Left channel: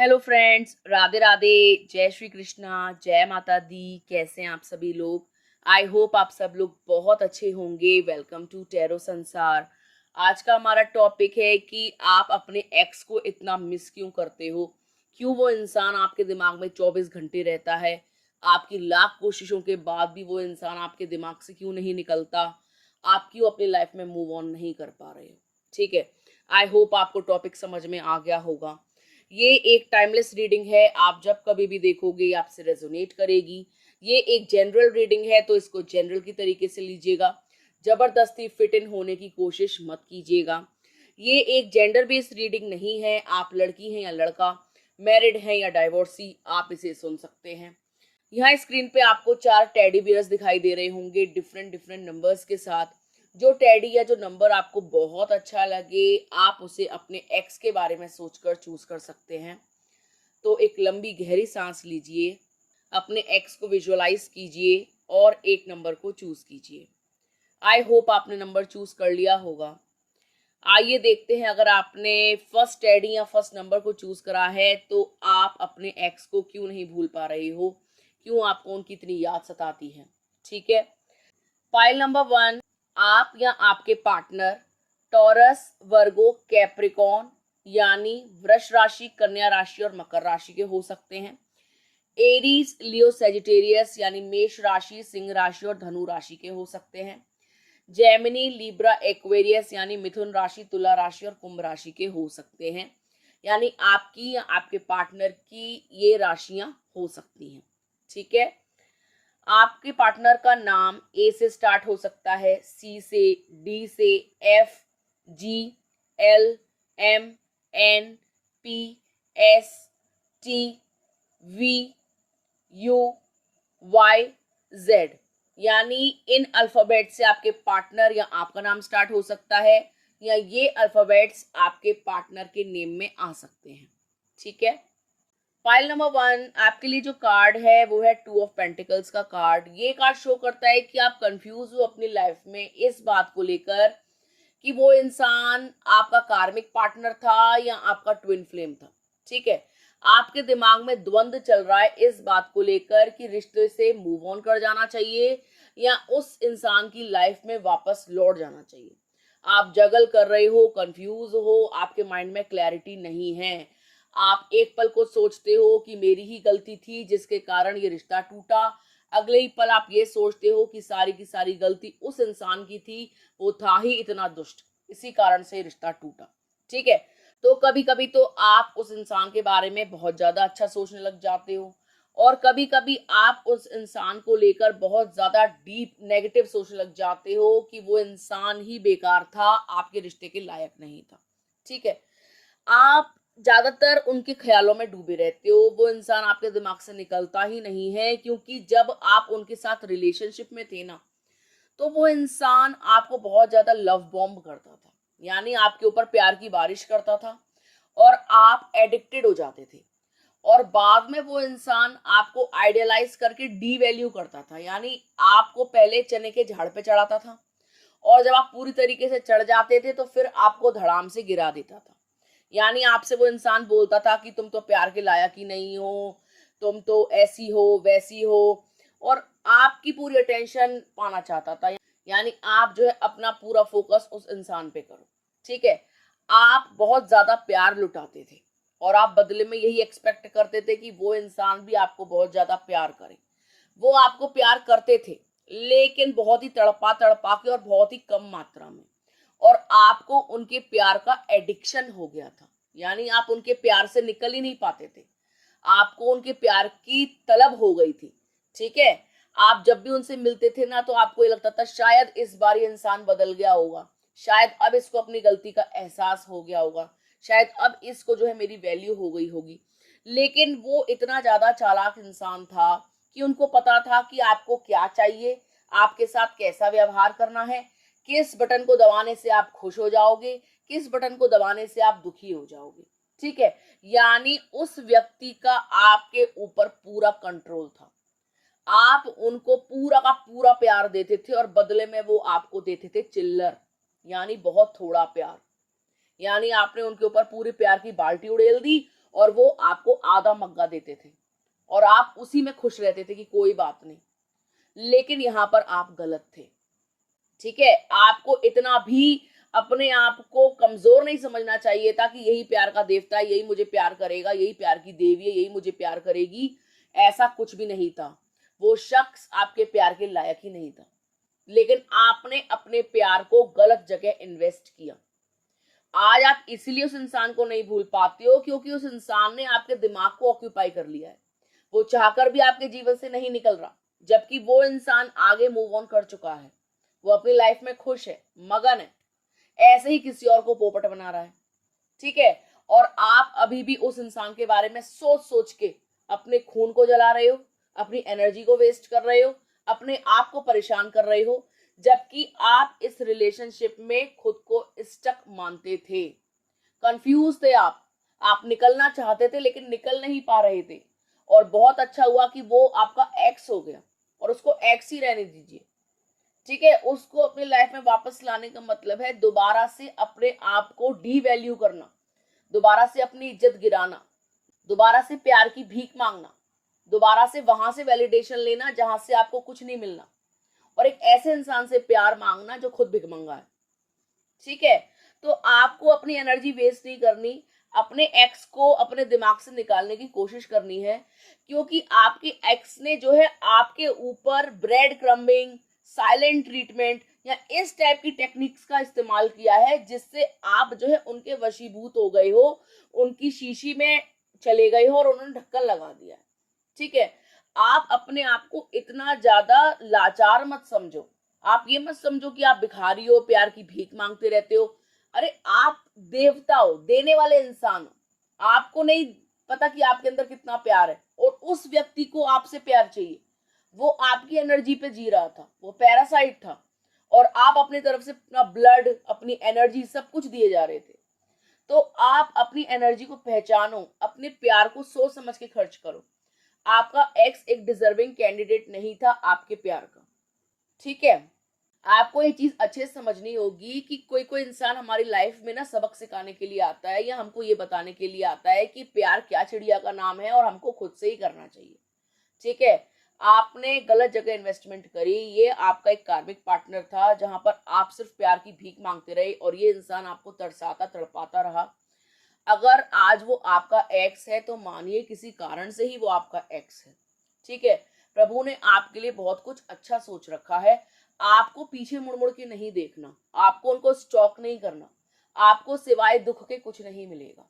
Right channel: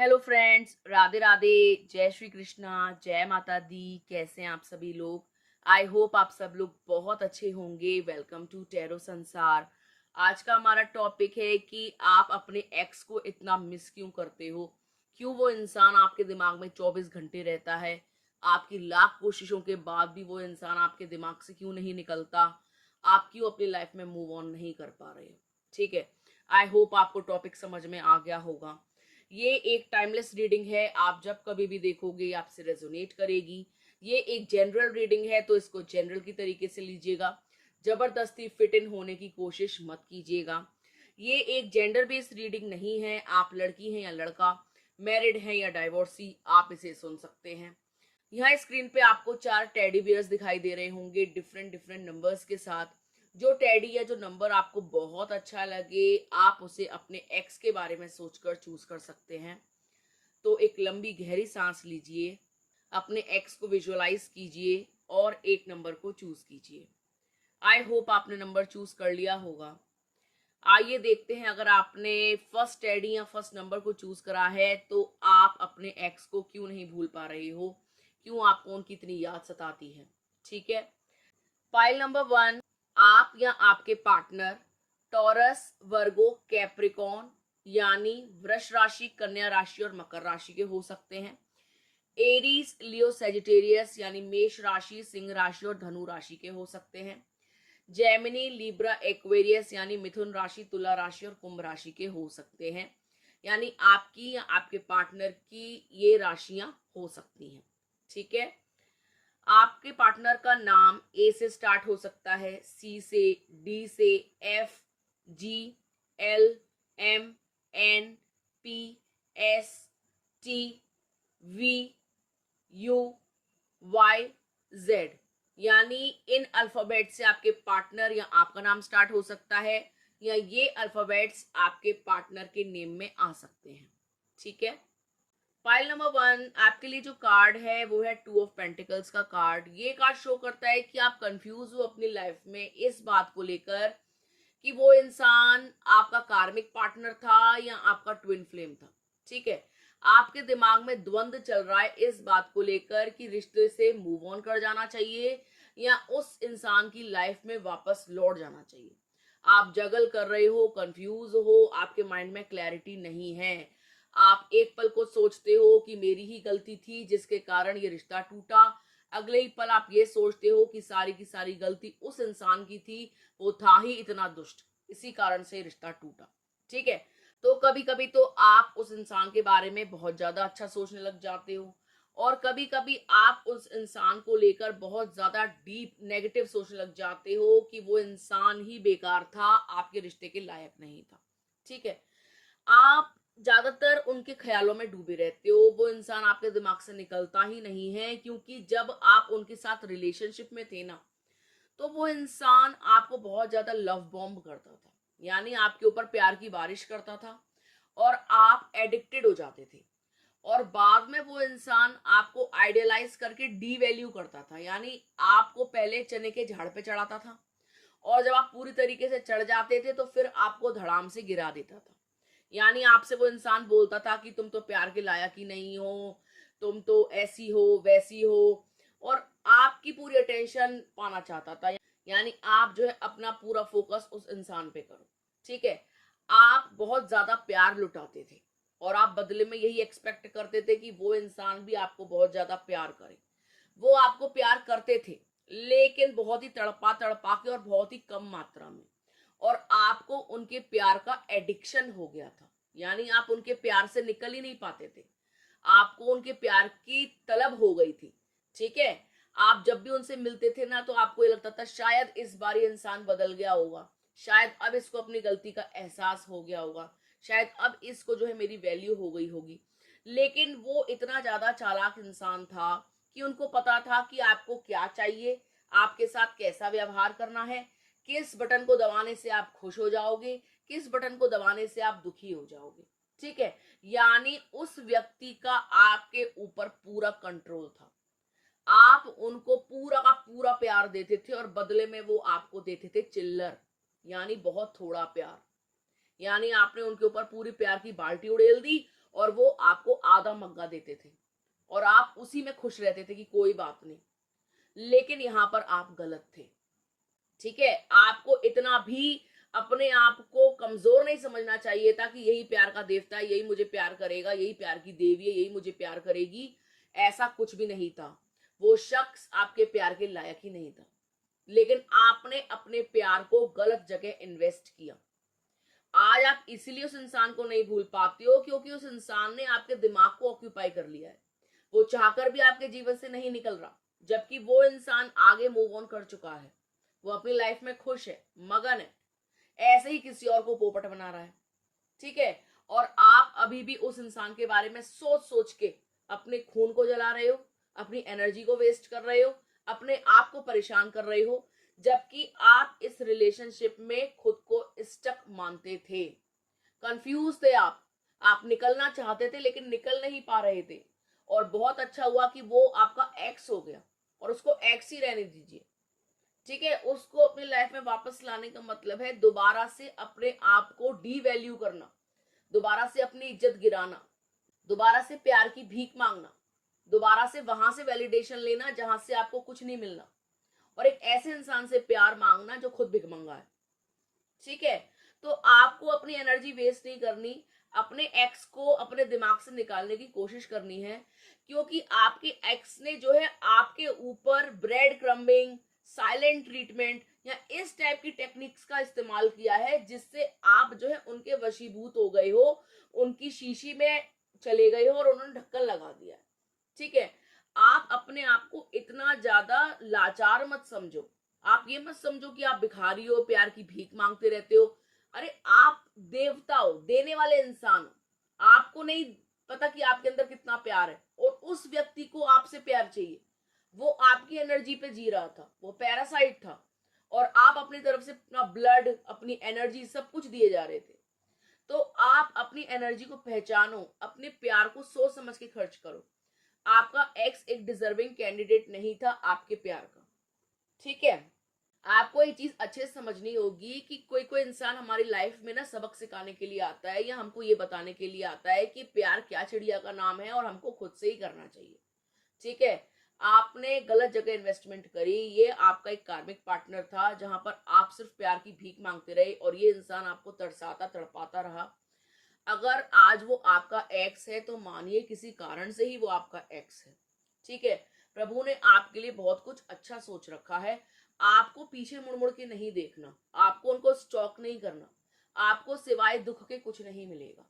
Hello friends, Radhe Radhe. जय श्री कृष्णा, जय माता दी। कैसे हैं आप सभी लोग? आई होप आप सब लोग बहुत अच्छे होंगे। वेलकम टू टैरो संसार। आज का हमारा टॉपिक है कि आप अपने एक्स को इतना मिस क्यों करते हो। क्यों वो इंसान आपके दिमाग में 24 घंटे रहता है। आपकी लाख कोशिशों के बाद भी वो इंसान आपके दिमाग से क्यों नहीं निकलता। आप क्यों अपनी लाइफ में मूव ऑन नहीं कर पा रहे हो। ठीक है, आई होप आपको टॉपिक समझ में आ गया होगा। ये एक टाइमलेस रीडिंग है। आप जब कभी भी देखोगे आपसे रेजोनेट करेगी। ये एक जनरल रीडिंग है, तो इसको जनरल की तरीके से लीजिएगा। जबरदस्ती फिट इन होने की कोशिश मत कीजिएगा। ये एक जेंडर बेस्ड रीडिंग नहीं है। आप लड़की हैं या लड़का, मैरिड हैं या डाइवोर्सी, आप इसे सुन सकते हैं। यहाँ स्क्रीन पे आपको 4 टेडी बियर्स दिखाई दे रहे होंगे डिफरेंट डिफरेंट नंबर्स के साथ। जो टेडी या जो नंबर आपको बहुत अच्छा लगे, आप उसे अपने एक्स के बारे में सोचकर चूज कर सकते हैं। तो एक लंबी गहरी सांस लीजिए, अपने एक्स को विजुअलाइज कीजिए और एक नंबर को चूज कीजिए। आई होप आपने नंबर चूज कर लिया होगा। आइए देखते हैं, अगर आपने फर्स्ट टेडी या फर्स्ट नंबर को चूज करा है तो आप अपने एक्स को क्यों नहीं भूल पा रहे हो, क्यों आपको उनकी इतनी याद सताती है। ठीक है, फाइल नंबर 1। आप या आपके पार्टनर टॉरस, वर्गो, कैप्रिकॉन यानी वृष राशि, कन्या राशि और मकर राशि के हो सकते हैं। एरीज, लियो, सेजिटेरियस यानी मेष राशि, सिंह राशि और धनु राशि के हो सकते हैं। जेमिनी, लिब्रा, एक्वेरियस यानी मिथुन राशि, तुला राशि और कुंभ राशि के हो सकते हैं। यानी आपकी या आपके पार्टनर की ये राशियां हो सकती हैं। ठीक है, आपके पार्टनर का नाम ए से स्टार्ट हो सकता है, सी से, डी से, F, G, L, M, N, P, S, T, V, U, Y, Z. यानी इन अल्फाबेट से आपके पार्टनर या आपका नाम स्टार्ट हो सकता है, या ये अल्फाबेट्स आपके पार्टनर के नेम में आ सकते हैं। ठीक है, फाइल नंबर 1 आपके लिए जो कार्ड है वो है 2 ऑफ पेंटिकल्स का कार्ड। ये कार्ड शो करता है कि आप कंफ्यूज हो अपनी लाइफ में इस बात को लेकर कि वो इंसान आपका कार्मिक पार्टनर था या आपका ट्विन फ्लेम था। ठीक है, आपके दिमाग में द्वंद्व चल रहा है इस बात को लेकर कि रिश्ते से मूव ऑन कर जाना चाहिए या उस इंसान की लाइफ में वापस लौट जाना चाहिए। आप जगल कर रहे हो, कंफ्यूज हो, आपके माइंड में क्लैरिटी नहीं है। आप एक पल को सोचते हो कि मेरी ही गलती थी जिसके कारण ये रिश्ता टूटा। अगले ही पल आप ये सोचते हो कि सारी की सारी गलती उस इंसान की थी, वो था ही इतना दुष्ट, इसी कारण से रिश्ता टूटा। ठीक है, तो कभी कभी तो आप उस इंसान के बारे में बहुत ज्यादा अच्छा सोचने लग जाते हो, और कभी कभी आप उस इंसान को लेकर बहुत ज्यादा डीप नेगेटिव सोचने लग जाते हो कि वो इंसान ही बेकार था, आपके रिश्ते के लायक नहीं था। ठीक है, आप ज्यादातर उनके ख्यालों में डूबे रहते हो। वो इंसान आपके दिमाग से निकलता ही नहीं है, क्योंकि जब आप उनके साथ रिलेशनशिप में थे ना, तो वो इंसान आपको बहुत ज्यादा लव बॉम्ब करता था। यानी आपके ऊपर प्यार की बारिश करता था और आप एडिक्टेड हो जाते थे। और बाद में वो इंसान आपको आइडियलाइज करके डी वैल्यू करता था। यानी आपको पहले चने के झाड़ पे चढ़ाता था, और जब आप पूरी तरीके से चढ़ जाते थे तो फिर आपको धड़ाम से गिरा देता था। यानी आपसे वो इंसान बोलता था कि तुम तो प्यार के लायक ही नहीं हो, तुम तो ऐसी हो वैसी हो, और आपकी पूरी अटेंशन पाना चाहता था। यानी आप जो है अपना पूरा फोकस उस इंसान पे करो। ठीक है, आप बहुत ज्यादा प्यार लुटाते थे और आप बदले में यही एक्सपेक्ट करते थे कि वो इंसान भी आपको बहुत ज्यादा प्यार करे। वो आपको प्यार करते थे, लेकिन बहुत ही तड़पा तड़पा के और बहुत ही कम मात्रा में, और आपको उनके प्यार का एडिक्शन हो गया था। यानी आप उनके प्यार से निकल ही नहीं पाते थे, आपको उनके प्यार की तलब हो गई थी। ठीक है, आप जब भी उनसे मिलते थे ना, तो आपको ये लगता था शायद इस बार ये इंसान बदल गया होगा, शायद अब इसको अपनी गलती का एहसास हो गया होगा, शायद अब इसको जो है मेरी वैल्यू हो गई होगी। लेकिन वो इतना ज्यादा चालाक इंसान था कि उनको पता था कि आपको क्या चाहिए, आपके साथ कैसा व्यवहार करना है, किस बटन को दबाने से आप खुश हो जाओगे, किस बटन को दबाने से आप दुखी हो जाओगे। ठीक है, यानी उस व्यक्ति का आपके ऊपर पूरा कंट्रोल था। आप उनको पूरा का पूरा प्यार देते थे और बदले में वो आपको देते थे चिल्लर, यानी बहुत थोड़ा प्यार। यानी आपने उनके ऊपर पूरी प्यार की बाल्टी उड़ेल दी और वो आपको आधा मग्गा देते थे और आप उसी में खुश रहते थे कि कोई बात नहीं। लेकिन यहाँ पर आप गलत थे। ठीक है, आपको इतना भी अपने आप को कमजोर नहीं समझना चाहिए था कि यही प्यार का देवता है, यही मुझे प्यार करेगा, यही प्यार की देवी है, यही मुझे प्यार करेगी। ऐसा कुछ भी नहीं था। वो शख्स आपके प्यार के लायक ही नहीं था, लेकिन आपने अपने प्यार को गलत जगह इन्वेस्ट किया। आज आप इसलिए उस इंसान को नहीं भूल पाते हो क्योंकि उस इंसान ने आपके दिमाग को ऑक्यूपाई कर लिया है। वो चाहकर भी आपके जीवन से नहीं निकल रहा, जबकि वो इंसान आगे मूव ऑन कर चुका है। वो अपनी लाइफ में खुश है, मगन है, ऐसे ही किसी और को पोपट बना रहा है। ठीक है, और आप अभी भी उस इंसान के बारे में सोच सोच के अपने खून को जला रहे हो, अपनी एनर्जी को वेस्ट कर रहे हो, अपने आप को परेशान कर रहे हो, जबकि आप इस रिलेशनशिप में खुद को स्टक मानते थे। कंफ्यूज थे आप निकलना चाहते थे लेकिन निकल नहीं पा रहे थे। और बहुत अच्छा हुआ कि वो आपका एक्स हो गया, और उसको एक्स ही रहने दीजिए। ठीक है, उसको अपनी लाइफ में वापस लाने का मतलब है दोबारा से अपने आप को डीवैल्यू करना, दोबारा से अपनी इज्जत गिराना, दोबारा से प्यार की भीख मांगना, दोबारा से वहां से वैलिडेशन लेना जहां से आपको कुछ नहीं मिलना, और एक ऐसे इंसान से प्यार मांगना जो खुद भिखमंगा है। ठीक है, तो आपको अपनी एनर्जी वेस्ट नहीं करनी, अपने एक्स को अपने दिमाग से निकालने की कोशिश करनी है, क्योंकि आपके एक्स ने जो है आपके ऊपर ब्रेड क्रम्बिंग, साइलेंट ट्रीटमेंट या इस टाइप की टेक्निक्स का इस्तेमाल किया है, जिससे आप जो है उनके वशीभूत हो गए हो, उनकी शीशी में चले गए हो और उन्होंने ढक्कन लगा दिया। ठीक है, आप अपने आप को इतना ज्यादा लाचार मत समझो। आप ये मत समझो कि आप भिखारी हो, प्यार की भीख मांगते रहते हो। अरे आप देवता हो, देने वाले इंसान हो। आपको नहीं पता कि आपके अंदर कितना प्यार है, और उस व्यक्ति को आपसे प्यार चाहिए। वो आपकी एनर्जी पे जी रहा था, वो पैरासाइट था, और आप अपनी तरफ से अपना ब्लड, अपनी एनर्जी सब कुछ दिए जा रहे थे। तो आप अपनी एनर्जी को पहचानो, अपने प्यार को सोच समझ के खर्च करो। आपका एक्स एक डिजर्विंग कैंडिडेट नहीं था आपके प्यार का। ठीक है, आपको ये चीज अच्छे से समझनी होगी कि कोई कोई इंसान हमारी लाइफ में ना सबक सिखाने के लिए आता है, या हमको ये बताने के लिए आता है कि प्यार क्या चिड़िया का नाम है और हमको खुद से ही करना चाहिए। ठीक है, आपने गलत जगह इन्वेस्टमेंट करी। ये आपका एक कार्मिक पार्टनर था जहां पर आप सिर्फ प्यार की भीख मांगते रहे, और ये इंसान आपको तरसाता तड़पाता रहा। अगर आज वो आपका एक्स है तो मानिए किसी कारण से ही वो आपका एक्स है। ठीक है, प्रभु ने आपके लिए बहुत कुछ अच्छा सोच रखा है। आपको पीछे मुड़ मुड़ के नहीं देखना, आपको उनको स्टॉक नहीं करना, आपको सिवाय दुख के कुछ नहीं मिलेगा।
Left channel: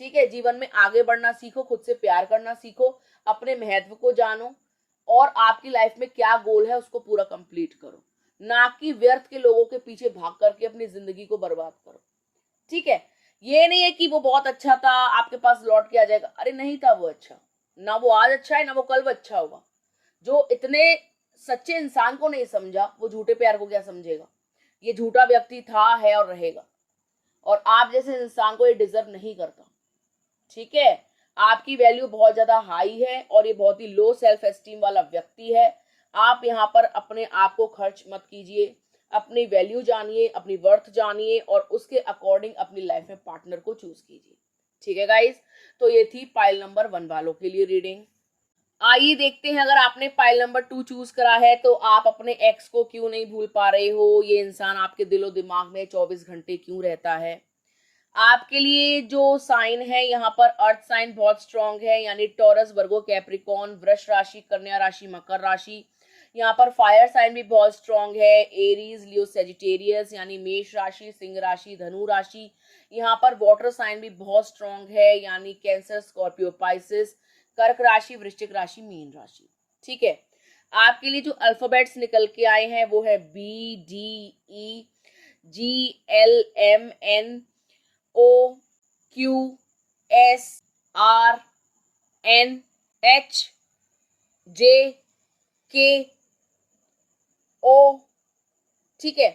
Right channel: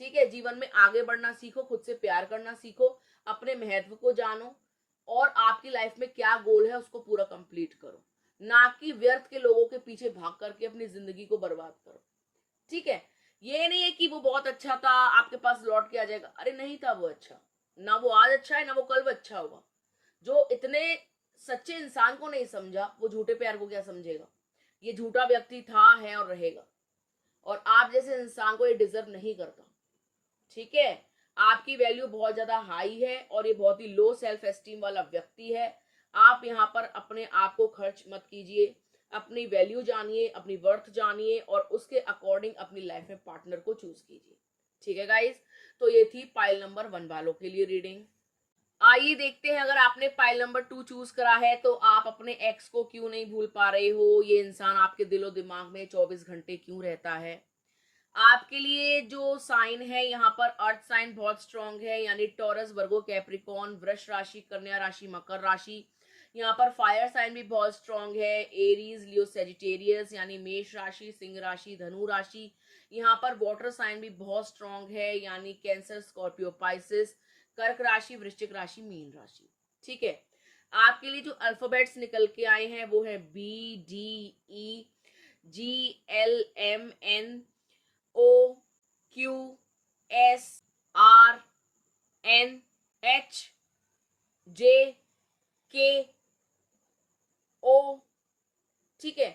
ठीक है, जीवन में आगे बढ़ना सीखो, खुद से प्यार करना सीखो, अपने महत्व को जानो, और आपकी लाइफ में क्या गोल है उसको पूरा कंप्लीट करो, ना कि व्यर्थ के लोगों के पीछे भाग करके अपनी जिंदगी को बर्बाद करो। ठीक है, ये नहीं है कि वो बहुत अच्छा था आपके पास लौट के आ जाएगा। अरे नहीं था वो अच्छा, ना वो आज अच्छा है, ना वो कल अच्छा होगा। जो इतने सच्चे इंसान को नहीं समझा, वो झूठे प्यार को क्या समझेगा। ये झूठा व्यक्ति था, है और रहेगा, और आप जैसे इंसान को ये डिजर्व नहीं करता। ठीक है, आपकी वैल्यू बहुत ज्यादा हाई है, और ये बहुत ही लो सेल्फ एस्टीम वाला व्यक्ति है। आप यहाँ पर अपने आप को खर्च मत कीजिए, अपनी वैल्यू जानिए, अपनी वर्थ जानिए, और उसके अकॉर्डिंग अपनी लाइफ में पार्टनर को चूज कीजिए। ठीक है गाइस, तो ये थी पाइल नंबर 1 वालों के लिए रीडिंग। आइए देखते हैं, अगर आपने पाइल नंबर 2 चूज करा है तो आप अपने एक्स को क्यों नहीं भूल पा रहे हो, ये इंसान आपके दिलो दिमाग में 24 घंटे क्यों रहता है। आपके लिए जो साइन है यहाँ पर, अर्थ साइन बहुत स्ट्रांग है, यानी टॉरस, वर्गो, कैप्रिकॉन, वृष राशि, कन्या राशि, मकर राशि। यहाँ पर फायर साइन भी बहुत स्ट्रांग है, एरीज, लियो, सेजिटेरियस, यानी मेष राशि, सिंह राशि, धनु राशि। यहाँ पर वाटर साइन भी बहुत स्ट्रांग है, यानी कैंसर, स्कॉर्पियो, पाइसिस, कर्क राशि, वृश्चिक राशि, मीन राशि। ठीक है, आपके लिए जो अल्फाबेट्स निकल के आए हैं वो है B, D, E, G, L, M, N, O, Q, S, R, N, H, J, K, O, ठीक है,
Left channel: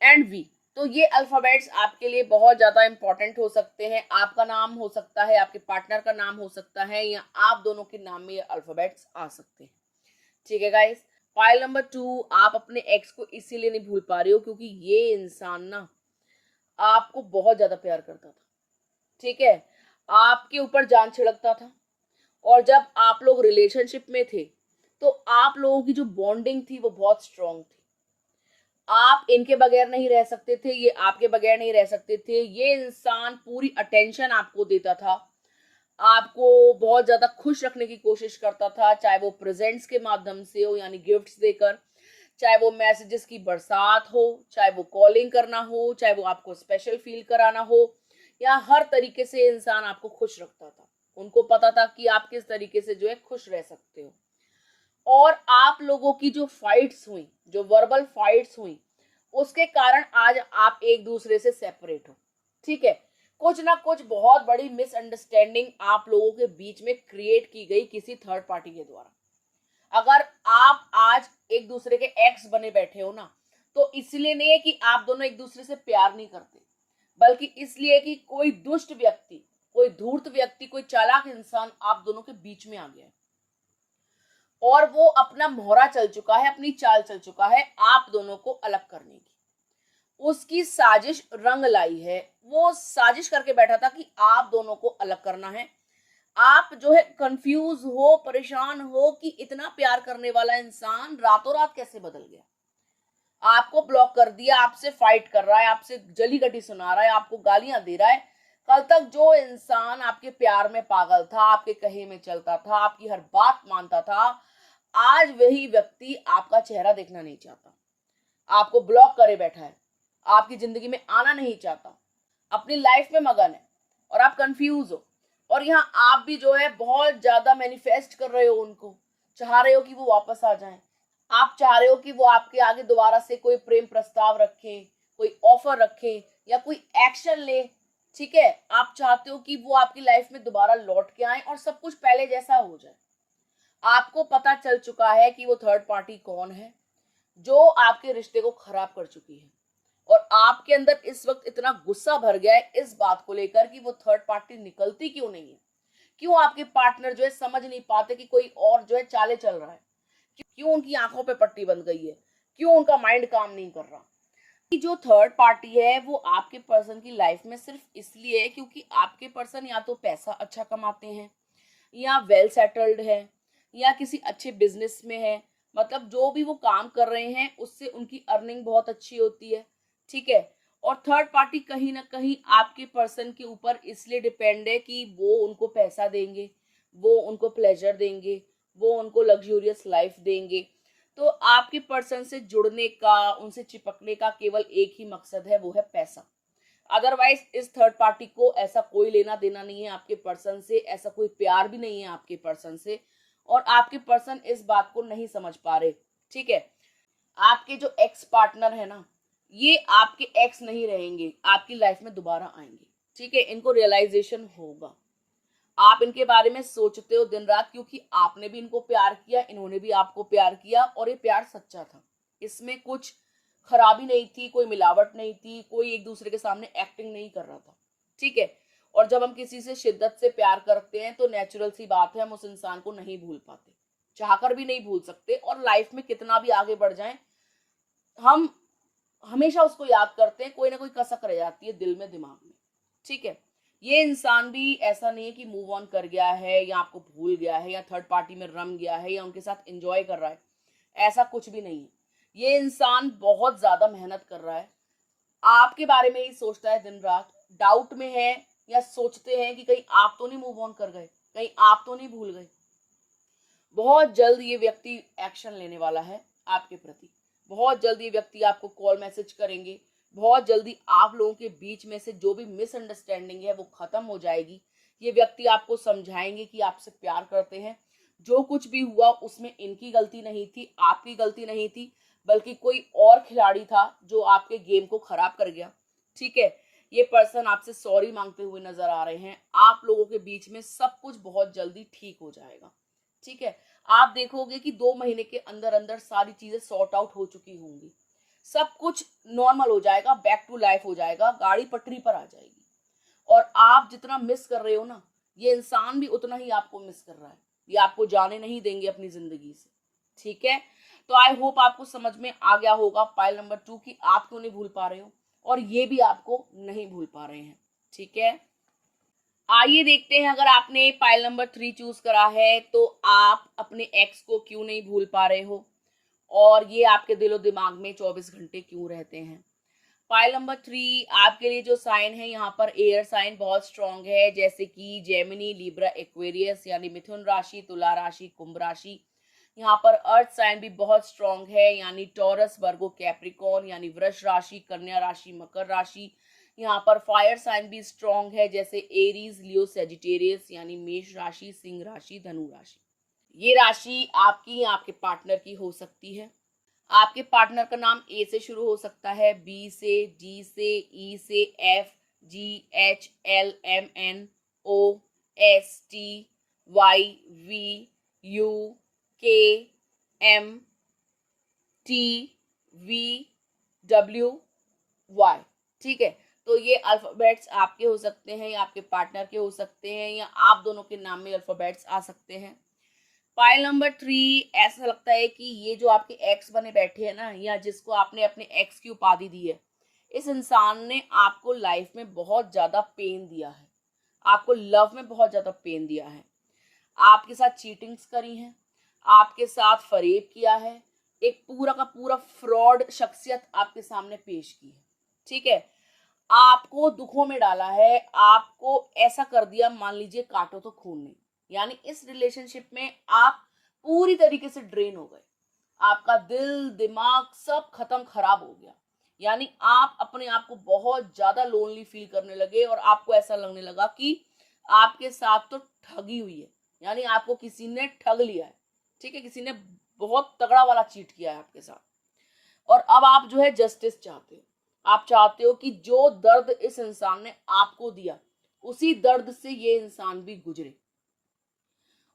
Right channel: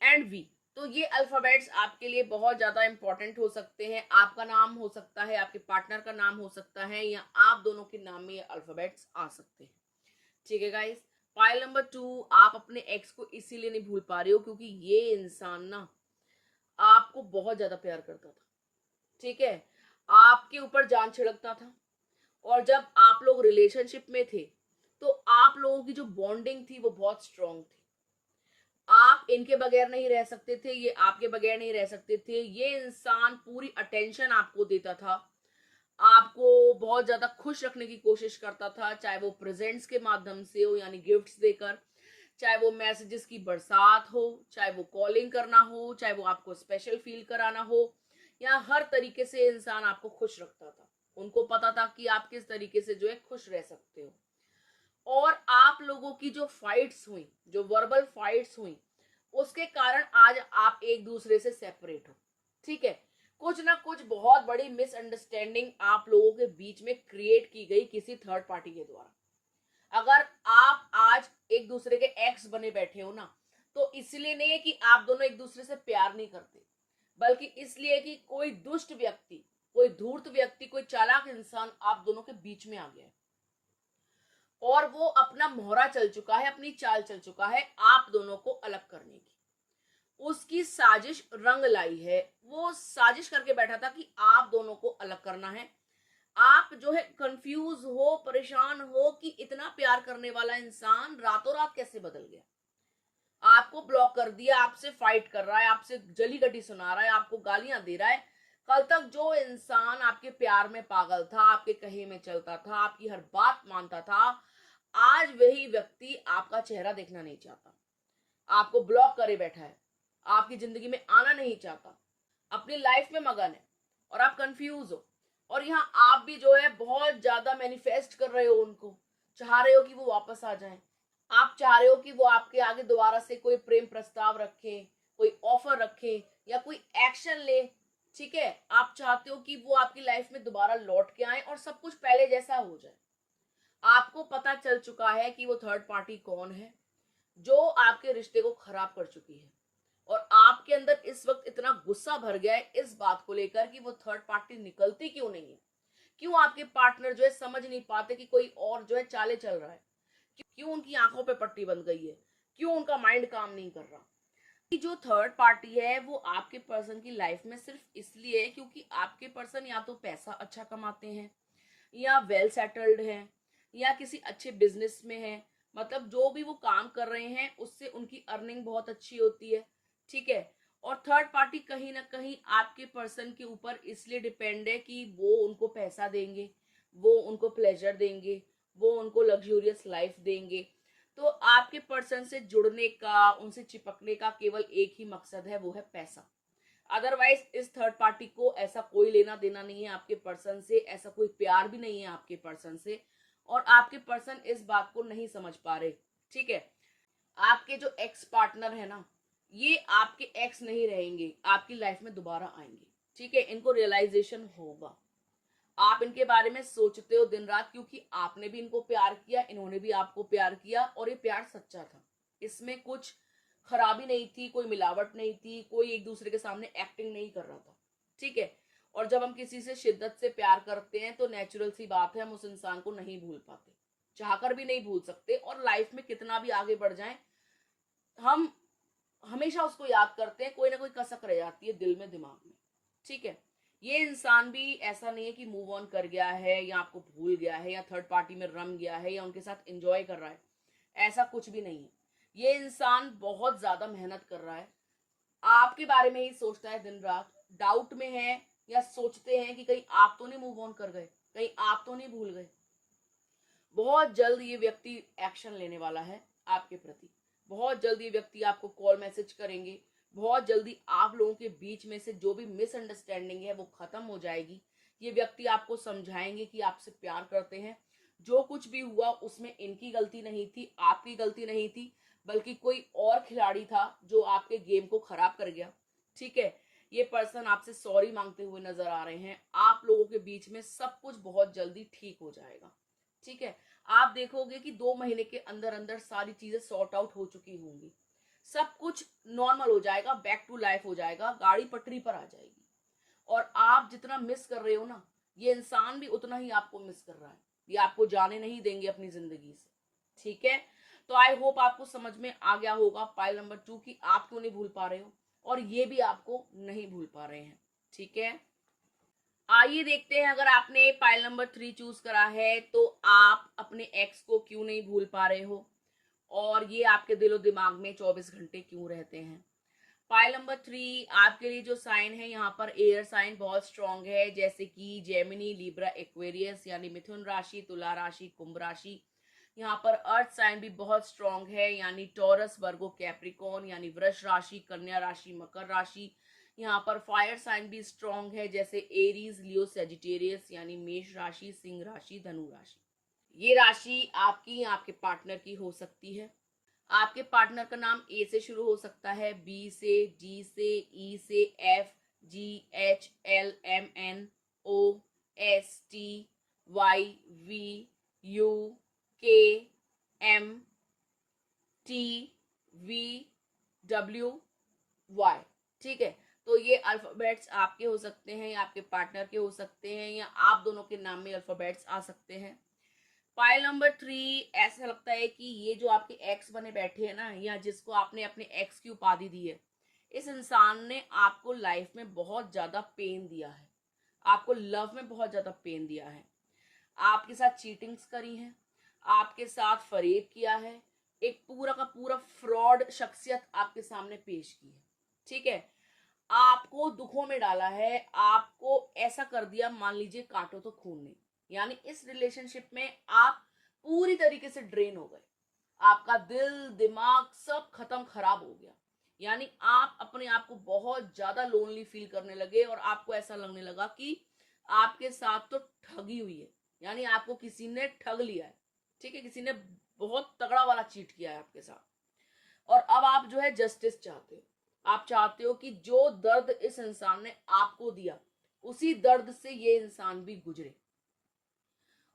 एंड वी। तो ये अल्फाबेट्स आपके लिए बहुत ज्यादा इंपॉर्टेंट हो सकते हैं। आपका नाम हो सकता है, आपके पार्टनर का नाम हो सकता है, या आप दोनों के नाम में ये अल्फाबेट्स आ सकते हैं। ठीक है गाइस, फाइल नंबर 2, आप अपने एक्स को इसीलिए नहीं भूल पा रहे हो क्योंकि ये इंसान ना आपको बहुत ज्यादा प्यार करता था। ठीक है, आपके ऊपर जान छिड़कता था। और जब आप लोग रिलेशनशिप में थे तो आप लोगों की जो बॉन्डिंग थी वो बहुत स्ट्रांग थी। आप इनके बगैर नहीं रह सकते थे, ये आपके बगैर नहीं रह सकते थे। ये इंसान पूरी अटेंशन आपको देता था, आपको बहुत ज्यादा खुश रखने की कोशिश करता था, चाहे वो प्रेजेंट्स के माध्यम से हो यानी गिफ्ट्स देकर, चाहे वो मैसेजेस की बरसात हो, चाहे वो कॉलिंग करना हो, चाहे वो आपको स्पेशल फील कराना हो, या हर तरीके से इंसान आपको खुश रखता था। उनको पता था कि आप किस तरीके से जो है खुश रह सकते हो। और आप लोगों की जो फाइट्स हुई, जो वर्बल फाइट्स हुई, उसके कारण आज आप एक दूसरे से सेपरेट हो। ठीक है, कुछ ना कुछ बहुत बड़ी मिसअंडरस्टैंडिंग आप लोगों के बीच में क्रिएट की गई किसी थर्ड पार्टी के द्वारा। अगर आप आज एक दूसरे के एक्स बने बैठे हो ना, तो इसलिए नहीं है कि आप दोनों एक दूसरे से प्यार नहीं करते, बल्कि इसलिए कि कोई दुष्ट व्यक्ति, कोई धूर्त व्यक्ति, कोई चालाक इंसान आप दोनों के बीच में आ गया है और वो अपना मोहरा चल चुका है, अपनी चाल चल चुका है आप दोनों को अलग करने की। उसकी साजिश रंग लाई है। वो साजिश करके बैठा था कि आप दोनों को अलग करना है। आप जो है कंफ्यूज हो, परेशान हो कि इतना प्यार करने वाला इंसान रातों रात कैसे बदल गया। आपको ब्लॉक कर दिया, आपसे फाइट कर रहा है, आपसे जली गटी सुना रहा है, आपको गालियां दे रहा है। कल तक जो इंसान आपके प्यार में पागल था, आपके कहे में चलता था, आपकी हर बात मानता था, आज वही व्यक्ति आपका चेहरा देखना नहीं चाहता, आपको ब्लॉक करे बैठा है, आपकी जिंदगी में आना नहीं चाहता, अपनी लाइफ में मगन है और आप कंफ्यूज हो। और यहाँ आप भी जो है बहुत ज्यादा मैनिफेस्ट कर रहे हो, उनको चाह रहे हो कि वो वापस आ जाएं। आप चाह रहे हो कि वो आपके आगे दोबारा से कोई प्रेम प्रस्ताव रखें, कोई ऑफर रखें या कोई एक्शन ले। ठीक है, आप चाहते हो कि वो आपकी लाइफ में दोबारा लौट के आए और सब कुछ पहले जैसा हो जाए। आपको पता चल चुका है कि वो थर्ड पार्टी कौन है जो आपके रिश्ते को खराब कर चुकी है। और आपके अंदर इस वक्त इतना गुस्सा भर गया है इस बात को लेकर कि वो थर्ड पार्टी निकलती क्यों नहीं है। क्यों आपके पार्टनर जो है समझ नहीं पाते कि कोई और जो है चाले चल रहा है। क्यों उनकी आंखों पे पट्टी बंध गई है, क्यों उनका माइंड काम नहीं कर रहा। कि जो थर्ड पार्टी है वो आपके पर्सन की लाइफ में सिर्फ इसलिए है क्योंकि आपके पर्सन या तो पैसा अच्छा कमाते हैं, या वेल सेटल्ड है, या किसी अच्छे बिजनेस में है। मतलब जो भी वो काम कर रहे हैं उससे उनकी अर्निंग बहुत अच्छी होती है। ठीक है, और थर्ड पार्टी कहीं ना कहीं आपके पर्सन के ऊपर इसलिए डिपेंड है कि वो उनको पैसा देंगे, वो उनको प्लेजर देंगे, वो उनको लग्जूरियस लाइफ देंगे। तो आपके पर्सन से जुड़ने का, उनसे चिपकने का केवल एक ही मकसद है, वो है पैसा। अदरवाइज इस थर्ड पार्टी को ऐसा कोई लेना देना नहीं है आपके पर्सन से, ऐसा कोई प्यार भी नहीं है आपके पर्सन से, और आपके पर्सन इस बात को नहीं समझ पा रहे। ठीक है, आपके जो एक्स पार्टनर है ना, ये आपके एक्स नहीं रहेंगे, आपकी लाइफ में दोबारा आएंगे। ठीक है, इनको रियलाइजेशन होगा। आप इनके बारे में सोचते हो दिन रात क्योंकि आपने भी इनको प्यार किया, इन्होंने भी आपको प्यार किया, और ये प्यार सच्चा था। इसमें कुछ खराबी नहीं थी, कोई मिलावट नहीं थी, कोई एक दूसरे के सामने एक्टिंग नहीं कर रहा था। ठीक है, और जब हम किसी से शिद्दत से प्यार करते हैं तो नेचुरल सी बात है हम उस इंसान को नहीं भूल पाते, चाहकर भी नहीं भूल सकते। और लाइफ में कितना भी आगे बढ़ जाएं, हम हमेशा उसको याद करते हैं, कोई ना कोई कसक रह जाती है दिल में, दिमाग में। ठीक है, ये इंसान भी ऐसा नहीं है कि मूव ऑन कर गया है या आपको भूल गया है या थर्ड पार्टी में रम गया है या उनके साथ एंजॉय कर रहा है, ऐसा कुछ भी नहीं है। ये इंसान बहुत ज्यादा मेहनत कर रहा है, आपके बारे में ही सोचता है दिन रात, डाउट में है, या सोचते हैं कि कहीं आप तो नहीं मूव ऑन कर गए, कहीं आप तो नहीं भूल गए। बहुत जल्द ये व्यक्ति एक्शन लेने वाला है आपके प्रति। बहुत जल्द ये व्यक्ति आपको कॉल मैसेज करेंगे। बहुत जल्दी आप लोगों के बीच में से जो भी मिसअंडरस्टैंडिंग है वो खत्म हो जाएगी। ये व्यक्ति आपको समझाएंगे कि आपसे प्यार करते हैं, जो कुछ भी हुआ उसमें इनकी गलती नहीं थी, आपकी गलती नहीं थी, बल्कि कोई और खिलाड़ी था जो आपके गेम को खराब कर गया। ठीक है, ये पर्सन आपसे सॉरी मांगते हुए नजर आ रहे हैं। आप लोगों के बीच में सब कुछ बहुत जल्दी ठीक हो जाएगा। ठीक है, आप देखोगे कि 2 महीने के अंदर अंदर सारी चीजें सॉर्ट आउट हो चुकी होंगी, सब कुछ नॉर्मल हो जाएगा, बैक टू लाइफ हो जाएगा, गाड़ी पटरी पर आ जाएगी। और आप जितना मिस कर रहे हो ना, ये इंसान भी उतना ही आपको मिस कर रहा है। ये आपको जाने नहीं देंगे अपनी जिंदगी से। ठीक है, तो आई होप आपको समझ में आ गया होगा पाइल नंबर 2 कि आप क्यों नहीं भूल पा रहे हो और ये भी आपको नहीं भूल पा रहे हैं। ठीक है, आइए देखते हैं, अगर आपने पाइल नंबर 3 चूज करा है तो आप अपने एक्स को क्यों नहीं भूल पा रहे हो और ये आपके दिलो दिमाग में 24 घंटे क्यों रहते हैं। पाइल नंबर 3 आपके लिए जो साइन है, यहाँ पर एयर साइन बहुत स्ट्रांग है, जैसे कि जेमिनी, लिब्रा, एक्वेरियस यानी मिथुन राशि, तुला राशि, कुंभ राशि। यहाँ पर अर्थ साइन भी बहुत स्ट्रांग है, यानी टॉरस, वर्गो, कैप्रिकॉन यानी वृष राशि, कन्या राशि, मकर राशि। यहाँ पर फायर साइन भी स्ट्रांग है, जैसे एरीज, लियो, सेजिटेरियस यानी मेष राशि, सिंह राशि, धनु राशि। ये राशि आपकी या आपके पार्टनर की हो सकती है। आपके पार्टनर का नाम ए से शुरू हो सकता है, बी से, डी से, ई से, F, G, H, L, M, N, O, S, T, Y, V, U, K, M, T, V, W, Y. ठीक है, तो ये अल्फाबेट्स आपके हो सकते हैं या आपके पार्टनर के हो सकते हैं, या आप दोनों के नाम में अल्फाबेट्स आ सकते हैं। पाइल नंबर 3 ऐसा लगता है कि ये जो आपके एक्स बने बैठे हैं ना, या जिसको आपने अपने एक्स की उपाधि दी है, इस इंसान ने आपको लाइफ में बहुत ज्यादा पेन दिया है, आपको लव में बहुत ज्यादा पेन दिया है, आपके साथ चीटिंग्स करी हैं, आपके साथ फरेब किया है, एक पूरा का पूरा फ्रॉड शख्सियत आपके सामने पेश की है। ठीक है, आपको दुखों में डाला है, आपको ऐसा कर दिया, मान लीजिए काटो तो खून नहीं। यानी इस रिलेशनशिप में आप पूरी तरीके से ड्रेन हो गए, आपका दिल दिमाग सब खत्म, खराब हो गया। यानी आप अपने आप को बहुत ज्यादा लोनली फील करने लगे और आपको ऐसा लगने लगा कि आपके साथ तो ठगी हुई है, यानी आपको किसी ने ठग लिया है। ठीक है, किसी ने बहुत तगड़ा वाला चीट किया है आपके साथ, और अब आप जो है जस्टिस चाहते हो। आप चाहते हो कि जो दर्द इस इंसान ने आपको दिया, उसी दर्द से ये इंसान भी गुजरे।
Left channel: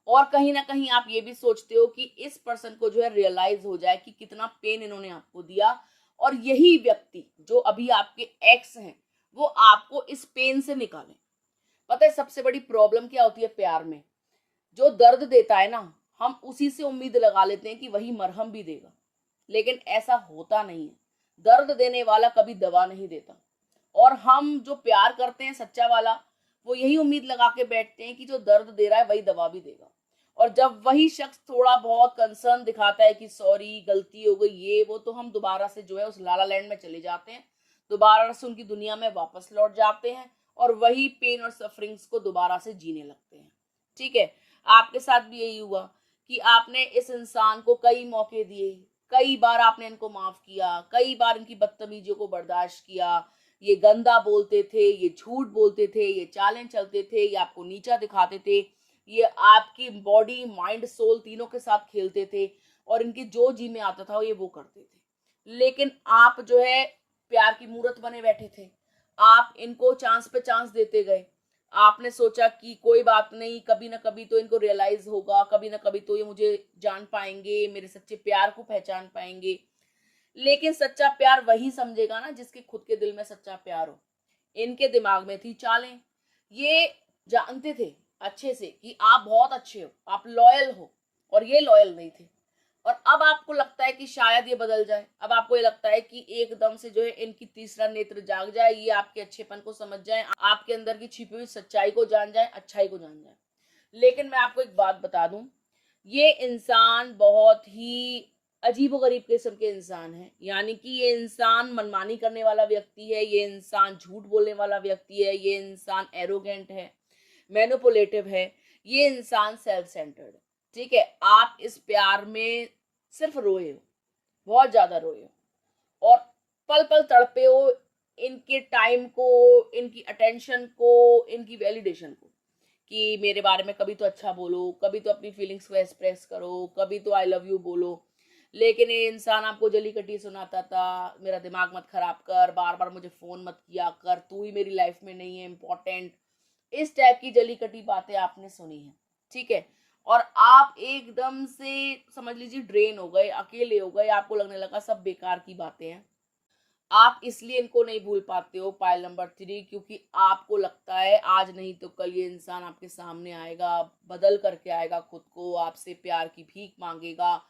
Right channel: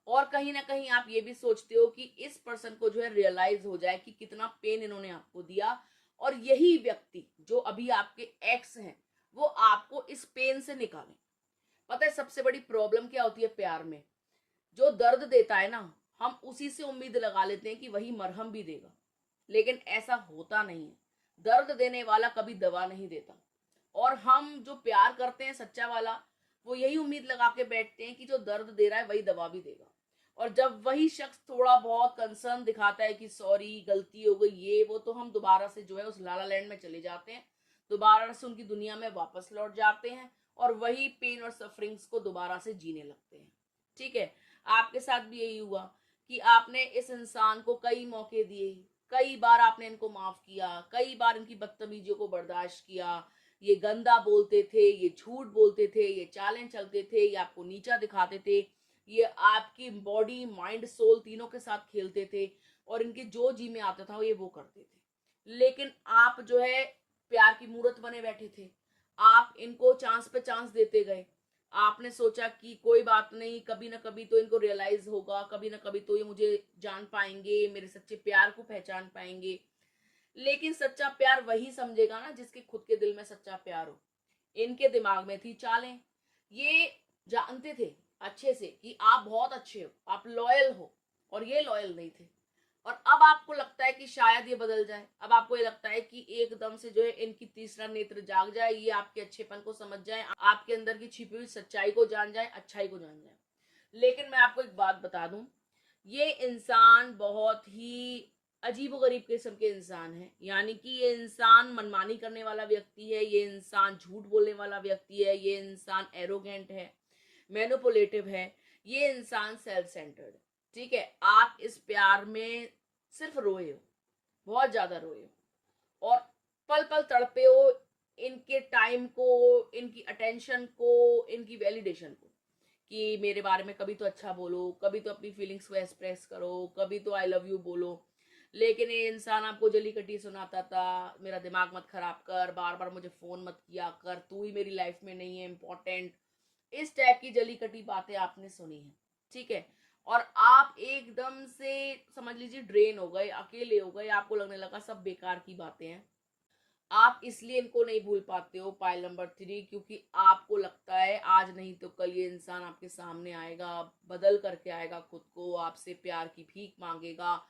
और कहीं ना कहीं आप ये भी सोचते हो कि इस पर्सन को जो है रियलाइज हो जाए कि कितना पेन इन्होंने आपको दिया, और यही व्यक्ति जो अभी आपके एक्स हैं वो आपको इस पेन से निकाले। पता है सबसे बड़ी प्रॉब्लम क्या होती है प्यार में? जो दर्द देता है ना, हम उसी से उम्मीद लगा लेते हैं कि वही मरहम भी देगा, लेकिन ऐसा होता नहीं है। दर्द देने वाला कभी दवा नहीं देता, और हम जो प्यार करते हैं सच्चा वाला, वो यही उम्मीद लगा के बैठते हैं कि जो दर्द दे रहा है वही दवा भी देगा। और जब वही शख्स थोड़ा बहुत कंसर्न दिखाता है कि सॉरी गलती हो गई ये वो, तो हम दोबारा से जो है उस लाला लैंड में चले जाते हैं, दोबारा से उनकी दुनिया में वापस लौट जाते हैं और वही पेन और सफरिंग्स को दोबारा से जीने लगते हैं। ठीक है, आपके साथ भी यही हुआ कि आपने इस इंसान को कई मौके दिए, कई बार आपने इनको माफ किया, कई बार इनकी बदतमीजियों को बर्दाश्त किया। ये गंदा बोलते थे, ये झूठ बोलते थे, ये चालें चलते थे, ये आपको नीचा दिखाते थे, ये आपकी बॉडी माइंड सोल तीनों के साथ खेलते थे, और इनकी जो जी में आता था ये वो करते थे। लेकिन आप जो है प्यार की मूर्त बने बैठे थे, आप इनको चांस पे चांस देते गए। आपने सोचा कि कोई बात नहीं, कभी ना कभी तो इनको रियलाइज होगा, कभी ना कभी तो ये मुझे जान पाएंगे, मेरे सच्चे प्यार को पहचान पाएंगे। लेकिन सच्चा प्यार वही समझेगा ना जिसके खुद के दिल में सच्चा प्यार हो। इनके दिमाग में थी चालें, ये जानते थे अच्छे से कि आप बहुत अच्छे हो, आप लॉयल हो, और ये लॉयल नहीं थे। और अब आपको लगता है कि शायद ये बदल जाए, अब आपको ये लगता है कि एकदम से जो है इनकी तीसरा नेत्र जाग जाए, ये आपके अच्छेपन को समझ जाए, आपके अंदर की छिपी हुई सच्चाई को जान जाए, अच्छाई को जान जाए। लेकिन मैं आपको एक बात बता दूं, ये इंसान बहुत ही अजीबोगरीब किस्म के इंसान है। यानी कि ये इंसान मनमानी करने वाला व्यक्ति है, ये इंसान झूठ बोलने वाला व्यक्ति है, ये इंसान एरोगेंट है, मैनिपुलेटिव है, ये इंसान सेल्फ सेंटर्ड है। ठीक है, आप इस प्यार में सिर्फ रोए हो, बहुत ज्यादा रोए हो, और पल पल तड़पे हो इनके टाइम को, इनकी अटेंशन को, इनकी वैलिडेशन को, कि मेरे बारे में कभी तो अच्छा बोलो, कभी तो अपनी फीलिंग्स को एक्सप्रेस करो, कभी तो आई लव यू बोलो। लेकिन ये इंसान आपको जली कटी सुनाता था, मेरा दिमाग मत खराब कर, बार बार मुझे फोन मत किया कर, तू ही मेरी लाइफ में नहीं है इम्पोर्टेंट, इस टाइप की जली कटी बातें आपने सुनी है। ठीक है, और आप एकदम से समझ लीजिए ड्रेन हो गए, अकेले हो गए, आपको लगने लगा सब बेकार की बातें हैं। आप इसलिए इनको नहीं भूल पाते हो पाइल नंबर 3, क्योंकि आपको लगता है आज नहीं तो कल ये इंसान आपके सामने आएगा, बदल करके आएगा खुद को, आपसे प्यार की भीख मांगेगा,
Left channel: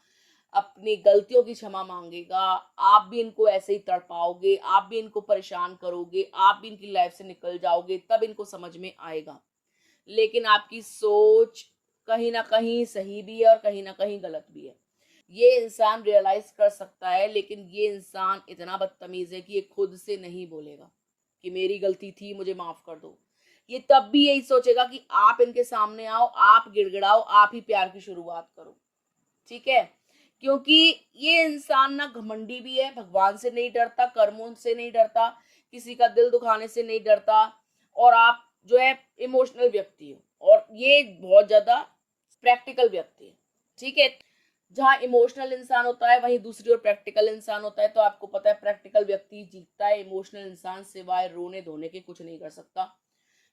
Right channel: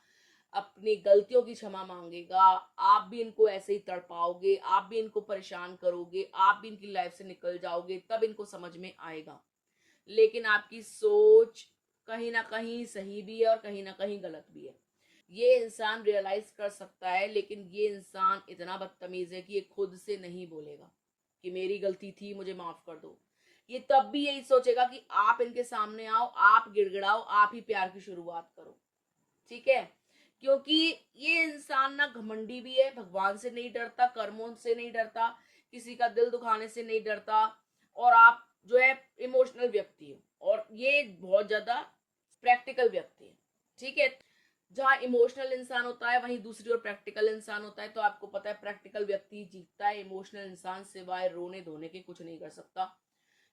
अपनी गलतियों की क्षमा मांगेगा, आप भी इनको ऐसे ही तड़पाओगे, आप भी इनको परेशान करोगे, आप भी इनकी लाइफ से निकल जाओगे, तब इनको समझ में आएगा। लेकिन आपकी सोच कहीं ना कहीं सही भी है और कहीं ना कहीं गलत भी है। ये इंसान रियलाइज कर सकता है, लेकिन ये इंसान इतना बदतमीज है कि ये खुद से नहीं बोलेगा कि मेरी गलती थी, मुझे माफ कर दो। ये तब भी यही सोचेगा कि आप इनके सामने आओ, आप गिड़गिड़ाओ, आप ही प्यार की शुरुआत करो। ठीक है, क्योंकि ये इंसान ना घमंडी भी है, भगवान से नहीं डरता, कर्मों से नहीं डरता, किसी का दिल दुखाने से नहीं डरता, और आप जो है इमोशनल व्यक्ति हो, और ये बहुत ज्यादा प्रैक्टिकल व्यक्ति है। ठीक है, जहाँ इमोशनल इंसान होता है वहीं दूसरी ओर प्रैक्टिकल इंसान होता है। तो आपको पता है प्रैक्टिकल व्यक्ति जीतता है, इमोशनल इंसान सिवाय रोने धोने के कुछ नहीं कर सकता,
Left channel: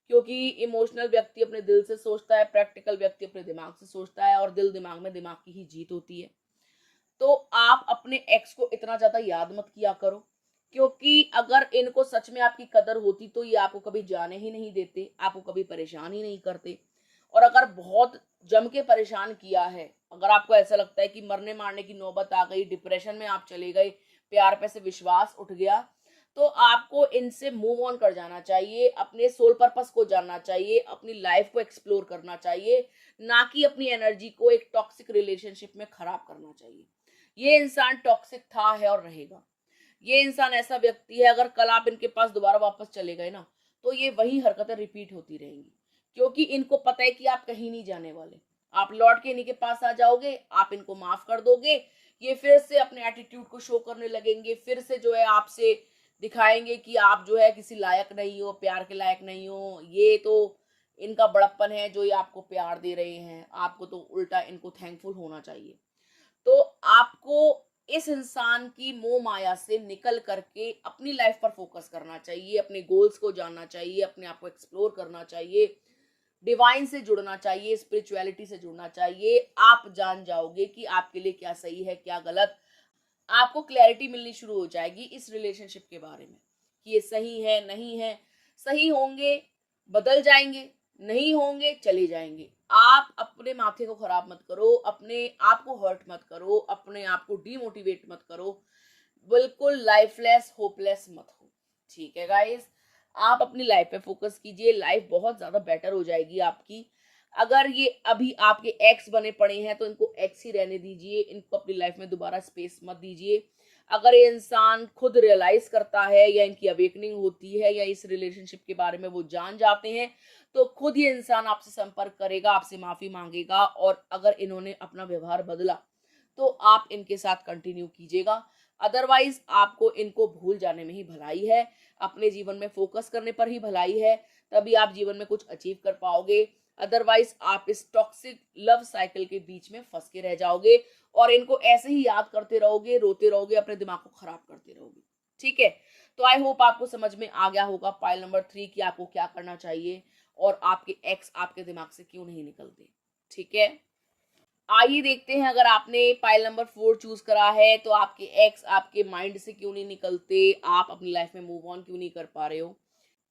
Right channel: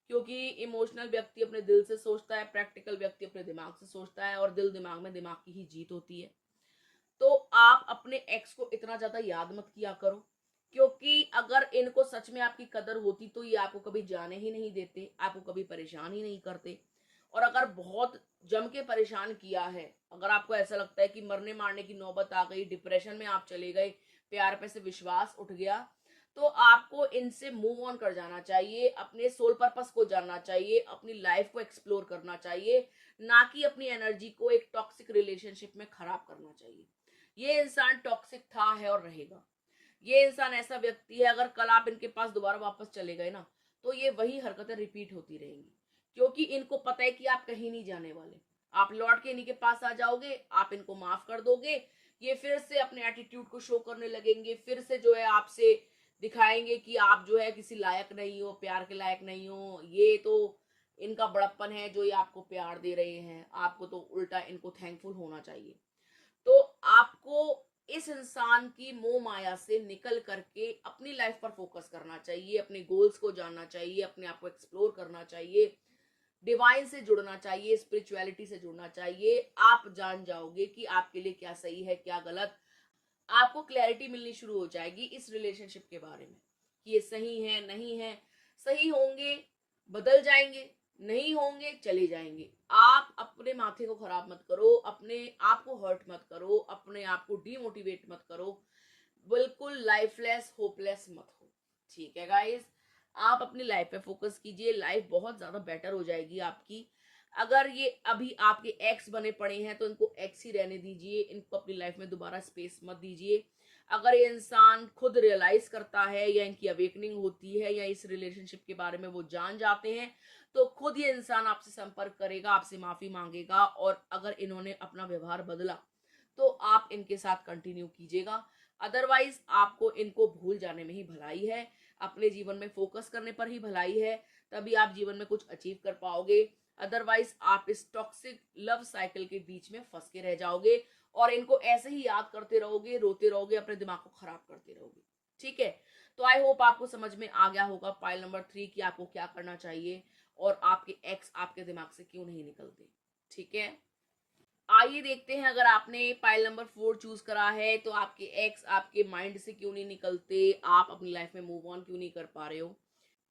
क्योंकि इमोशनल व्यक्ति अपने दिल से सोचता है, प्रैक्टिकल व्यक्ति अपने दिमाग से सोचता है, और दिल दिमाग में दिमाग की ही जीत होती है। तो आप अपने एक्स को इतना ज्यादा याद मत किया करो, क्योंकि अगर इनको सच में आपकी कदर होती तो ये आपको कभी जाने ही नहीं देते, आपको कभी परेशान ही नहीं करते। और अगर बहुत जम के परेशान किया है, अगर आपको ऐसा लगता है कि मरने मारने की नौबत आ गई, डिप्रेशन में आप चले गए, प्यार पे से विश्वास उठ गया, तो आपको इनसे मूव ऑन कर जाना चाहिए, अपने सोल पर्पस को जानना चाहिए, अपनी लाइफ को एक्सप्लोर करना चाहिए, ना कि अपनी एनर्जी को एक टॉक्सिक रिलेशनशिप में खराब करना चाहिए। ये इंसान टॉक्सिक था, है और रहेगा। ये इंसान ऐसा व्यक्ति है, अगर कल आप इनके पास दोबारा वापस चले गए ना, तो ये वही हरकतें रिपीट होती रहेंगी, क्योंकि इनको पता है कि आप कहीं नहीं जाने वाले। आप लौट के इन्हीं के पास आ जाओगे, आप इनको माफ कर दोगे, ये फिर से अपने एटीट्यूड को शो करने लगेंगे, फिर से जो है आपसे दिखाएंगे कि आप जो है किसी लायक नहीं हो, प्यार के लायक नहीं हो। ये तो इनका बड़प्पन है जो ये आपको प्यार दे रहे हैं, आपको तो उल्टा इनको थैंकफुल होना चाहिए। तो आपको इस इंसान की मोह माया से निकल करके अपनी लाइफ पर फोकस करना चाहिए, अपने गोल्स को जानना चाहिए, अपने आप को एक्सप्लोर करना चाहिए, डिवाइन से जुड़ना चाहिए, स्पिरिचुअलिटी से जुड़ना चाहिए। आप जान जाओगे कि आपके लिए क्या सही है, क्या गलत। आपको क्लैरिटी मिलनी शुरू हो जाएगी इस रिलेशनशिप के बारे में कि ये सही है, नहीं है। सही होंगे बदल जाएंगे, नहीं होंगे चले जाएंगे। आप अपने माथे को खराब मत करो, अपने आप को हर्ट मत करो, अपने आप को डीमोटिवेट मत करो, बिल्कुल लाइफलेस होपलेस मत हो। ठीक है गाइस, आप अपनी लाइफ पे फोकस कीजिए, लाइफ बहुत ज्यादा बेटर हो जाएगी आपकी। अगर ये अभी आपके एक्स बने पड़े हैं तो इनको एक्स ही रहने दीजिए, इनको अपनी लाइफ में दोबारा स्पेस मत दीजिए। अगर ये इंसान खुद रियलाइज करता है, या इनकी अवेकनिंग होती है, या इस रिलेशनशिप के बारे में वो जान जाते हैं, तो खुद ये इंसान आपसे संपर्क करेगा, आपसे माफी मांगेगा। और अगर इन्होंने अपना व्यवहार बदला तो आप इनके साथ कंटिन्यू कीजिएगा, अदरवाइज आपको इनको भूल जाने में ही भलाई है, अपने जीवन में फोकस करने पर ही भलाई है। तभी आप जीवन में कुछ अचीव कर पाओगे, अदरवाइज आप इस टॉक्सिक लव साइकिल के बीच में फंस के रह जाओगे, और इनको ऐसे ही याद करते रहोगे, रोते रहोगे, अपने दिमाग को खराब करते रहोगे। ठीक है, तो आई होप आपको समझ में आ गया होगा पाइल नंबर 3 कि आपको क्या करना चाहिए, और आपके एक्स आपके दिमाग से क्यों नहीं निकलते। ठीक है, आइए देखते हैं, अगर आपने पाइल नंबर 4 चूज करा है तो आपके एक्स आपके माइंड से क्यों नहीं निकलते, आप अपनी लाइफ में मूव ऑन क्यों नहीं कर पा रहे हो।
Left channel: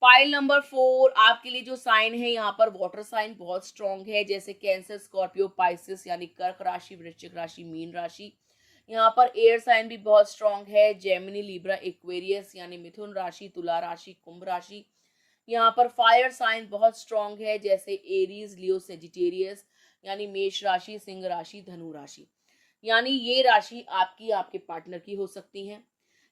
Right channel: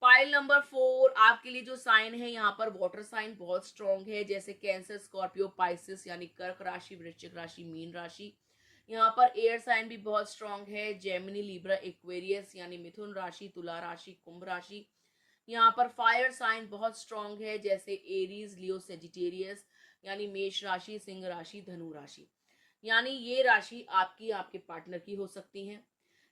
पाइल नंबर 4 आपके लिए जो साइन है, यहाँ पर वाटर साइन बहुत स्ट्रांग है, जैसे कैंसर, स्कॉर्पियो, पाइसिस यानी कर्क राशि, वृश्चिक राशि, मीन राशि। यहाँ पर एयर साइन भी बहुत स्ट्रांग है, जेमिनी, लिब्रा, एक्वेरियस यानी मिथुन राशि, तुला राशि, कुंभ राशि। यहाँ पर फायर साइन बहुत स्ट्रांग है, जैसे एरीज, लियो, सेजिटेरियस यानी मेष राशि, सिंह राशि, धनु राशि। यानी ये राशि आपकी आपके पार्टनर की हो सकती है।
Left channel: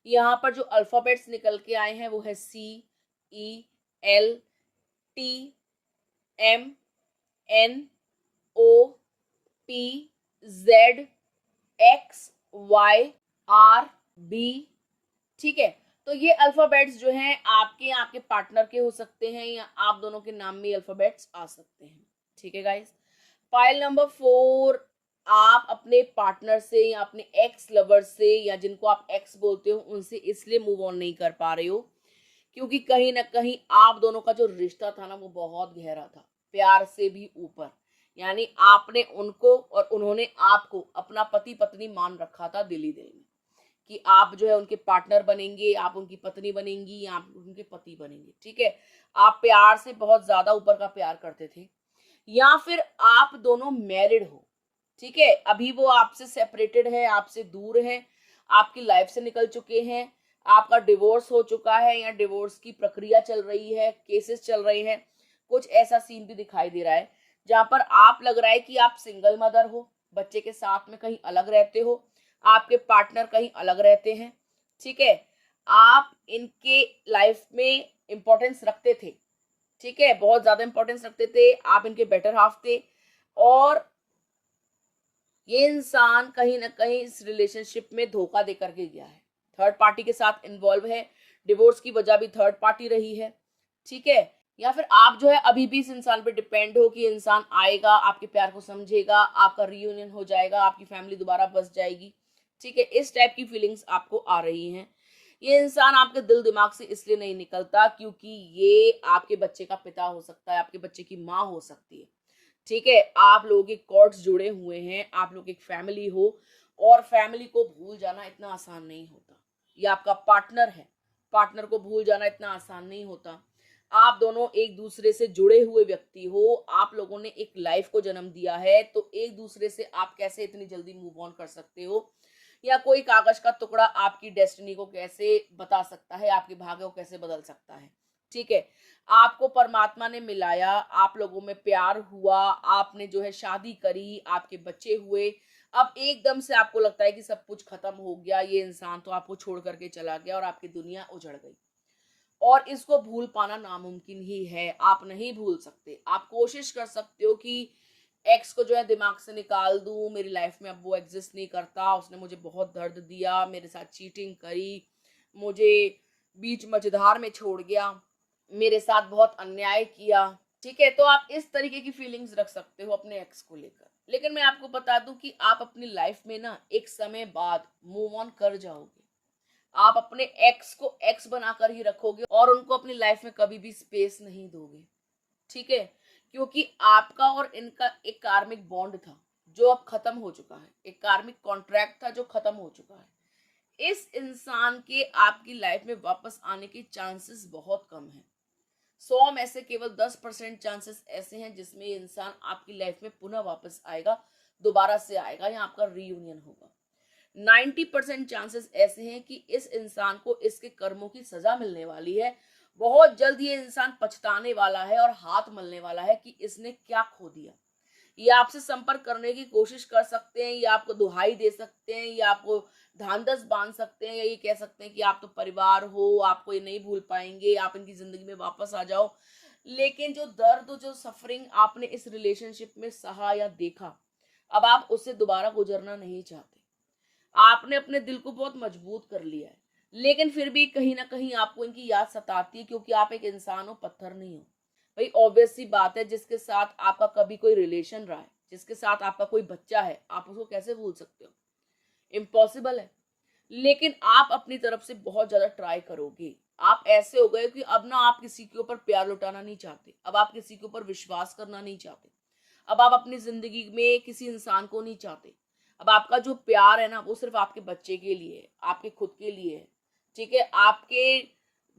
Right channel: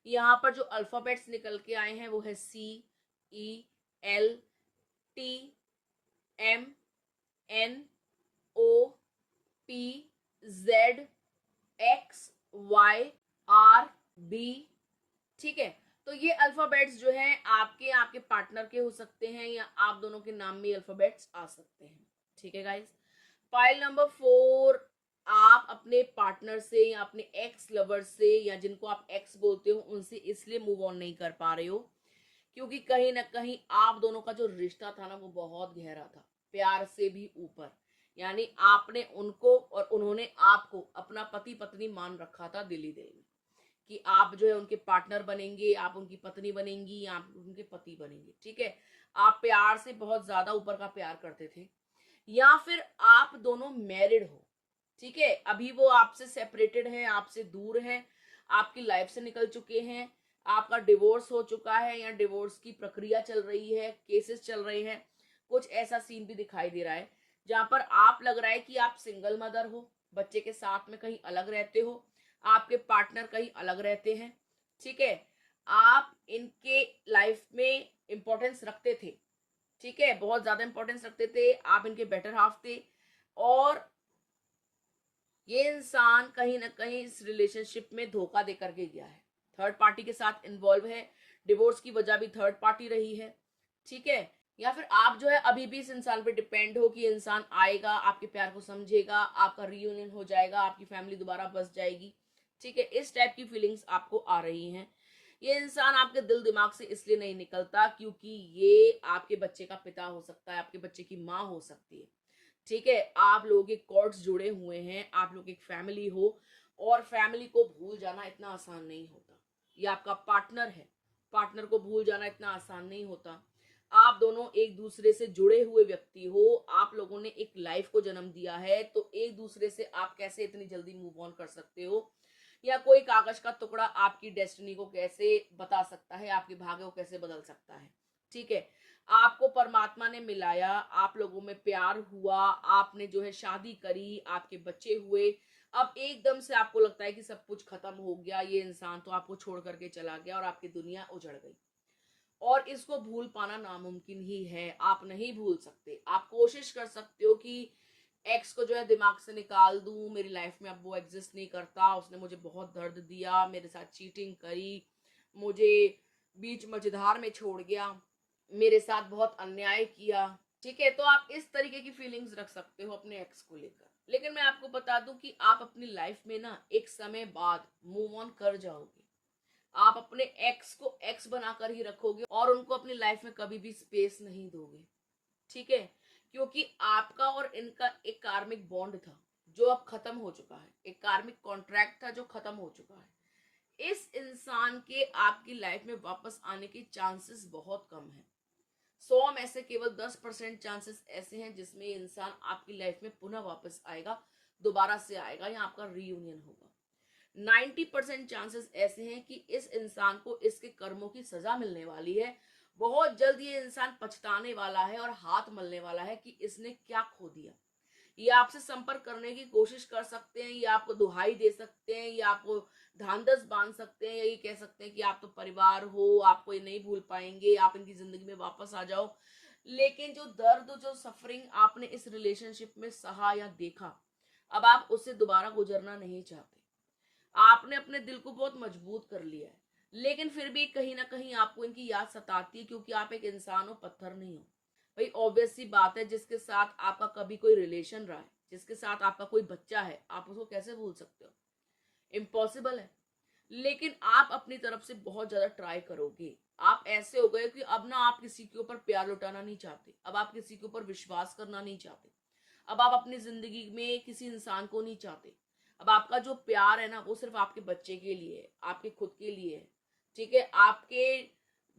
यहाँ पर जो अल्फाबेट्स निकल के आए हैं वो है CELTMNOPZXYRB। ठीक है, तो ये अल्फाबेट्स जो हैं आपके आपके पार्टनर के हो सकते हैं, या आप दोनों के नाम में अल्फाबेट्स आ सकते हैं। ठीक है गाइस, फाइल नंबर 4 आप अपने पार्टनर से, या अपने एक्स लवर से, या जिनको आप एक्स बोलते हो उनसे इसलिए मूव ऑन नहीं कर पा रहे हो क्योंकि कहीं ना कहीं आप दोनों का जो रिश्ता था ना वो बहुत गहरा था, प्यार से भी ऊपर। यानी आपने उनको और उन्होंने आपको अपना पति पत्नी मान रखा था दिली दिल में, कि आप जो है उनके पार्टनर बनेंगे, आप उनकी पत्नी बनेंगी, या आप उनके पति बनेंगे। ठीक है, आप प्यार से बहुत ज्यादा ऊपर का प्यार करते थे, या फिर आप दोनों मैरिड हो। ठीक है, अभी वो आपसे सेपरेटेड है, आपसे दूर है, आपकी लाइफ से निकल चुके हैं, आपका डिवोर्स हो चुका है, या डिवोर्स की प्रक्रिया चल रही है, केसेस चल रहे हैं। कुछ ऐसा सीन भी दिखाई दे रहा है जहां पर आप लग रहा है कि आप सिंगल मदर हो, बच्चे के साथ में कहीं अलग रहते हो, आपके पार्टनर कहीं अलग रहते हैं, ठीक है, आप इनके लाइफ में इंपॉर्टेंस रखते थे, ठीक है, बहुत ज्यादा इंपॉर्टेंस रखते थे, आप इनके बेटर हाफ थे, और ये इंसान कहीं ना कहीं इस रिलेशनशिप में धोखा दे करके गया है, थर्ड पार्टी के साथ इन्वॉल्व है, डिवोर्स की वजह भी थर्ड पार्टी रही है, ठीक है, या फिर आप जो है अभी भी इस इंसान पे डिपेंड हो कि इंसान आएगा, आपके प्यार को समझेगा, आपका रियूनियन हो जाएगा, आपकी फैमिली दोबारा बस जाएगी, ठीक है, इस टाइप की फीलिंग्स आपको आ रही हैं। ये इंसान आपके दिल दिमाग से इसलिए नहीं निकलता क्योंकि ये आपके बच्चे का पिता हो सकता है, आपके बच्चे की माँ हो सकती है, ठीक है, आप लोगों के कॉर्ड्स जुड़े हुए हैं, आप लोग एक फैमिली हो, और फैमिली को भूल जाना इतना आसान नहीं होता। ये आपका पार्टनर है, पार्टनर को भूल जाना इतना आसान नहीं होता। आप दोनों एक दूसरे से जुड़े हुए व्यक्ति हो, आप लोगों ने एक लाइफ को जन्म दिया है, तो एक दूसरे से आप कैसे इतनी जल्दी मूव ऑन कर सकते हो, या कोई कागज का टुकड़ा आपकी डेस्टिनी को कैसे बता सकता है, आपके भाग्य को कैसे बदल सकता है, ठीक है। आपको परमात्मा ने मिलाया, आप लोगों में प्यार हुआ, आपने जो है शादी करी, आपके बच्चे हुए, अब एकदम से आपको लगता है कि सब कुछ खत्म हो गया, ये इंसान तो आपको छोड़ करके चला गया और आपकी दुनिया उजड़ गई, और इसको भूल पाना नामुमकिन ही है, आप नहीं भूल सकते। आप कोशिश कर सकते हो कि एक्स को जो है दिमाग से निकाल दूं, मेरी लाइफ में अब वो एग्जिस्ट नहीं करता, उसने मुझे बहुत दर्द दिया, मेरे साथ चीटिंग करी, मुझे बीच मझधार में छोड़ गया, मेरे साथ बहुत अन्याय किया, ठीक है, तो आप इस तरीके की फीलिंग्स रख सकते हो अपने एक्स को लेकर। लेकिन मैं आपको बता दूं कि आप अपनी लाइफ में ना एक समय बाद मूव ऑन कर जाओगे, आप अपने एक्स को एक्स बनाकर ही रखोगे और उनको अपनी लाइफ में कभी भी स्पेस नहीं दोगे, ठीक है, क्योंकि आपका और इनका एक कार्मिक बॉन्ड था जो अब खत्म हो चुका है, एक कार्मिक कॉन्ट्रैक्ट था जो खत्म हो चुका है। इस इंसान के आपकी लाइफ में वापस आने के चांसेस बहुत कम हैं। 100 में से केवल 10% चांसेस ऐसे हैं जिसमें ये इंसान आपकी लाइफ में पुनः वापस आएगा, दोबारा से आएगा या आपका रीयूनियन होगा। 90% चांसेस ऐसे हैं कि इस इंसान को इसके कर्मों की सजा मिलने वाली है, बहुत जल्द ये इंसान पछताने वाला है और हाथ मलने वाला है कि इसने क्या खो दिया। ये आपसे संपर्क करने की कोशिश कर सकते हैं, या आपको दुहाई दे सकते हैं, या आपको ढांढस बांध सकते हैं, या ये कह सकते हैं कि आप तो परिवार हो, आपको ये नहीं भूल पाएंगे, आप इनकी जिंदगी में वापस आ जाओ। लेकिन जो दर्द, जो सफरिंग आपने इस रिलेशनशिप में सहा या देखा, अब आप उससे दोबारा गुजरना नहीं चाहते। आपने अपने दिल को बहुत मजबूत कर लिया है, लेकिन फिर भी कहीं ना कहीं आपको इनकी याद सताती है, क्योंकि आप एक इंसान हो, पत्थर नहीं हो। भाई ऑब्वियस सी बात है, जिसके साथ आपका कभी कोई रिलेशन रहा है, जिसके साथ आपका कोई बच्चा है, आप उसको कैसे भूल सकते हो? इम्पॉसिबल है। लेकिन आप अपनी तरफ से बहुत ज्यादा ट्राई करोगे। आप ऐसे हो गए कि अब ना आप किसी के ऊपर प्यार लुटाना नहीं चाहते, अब आप किसी के ऊपर विश्वास करना नहीं चाहते, अब आप अपनी जिंदगी में किसी इंसान को नहीं चाहते। अब आपका जो प्यार है ना, वो सिर्फ आपके बच्चे के लिए है, आपके खुद के लिए है, ठीक है, आपके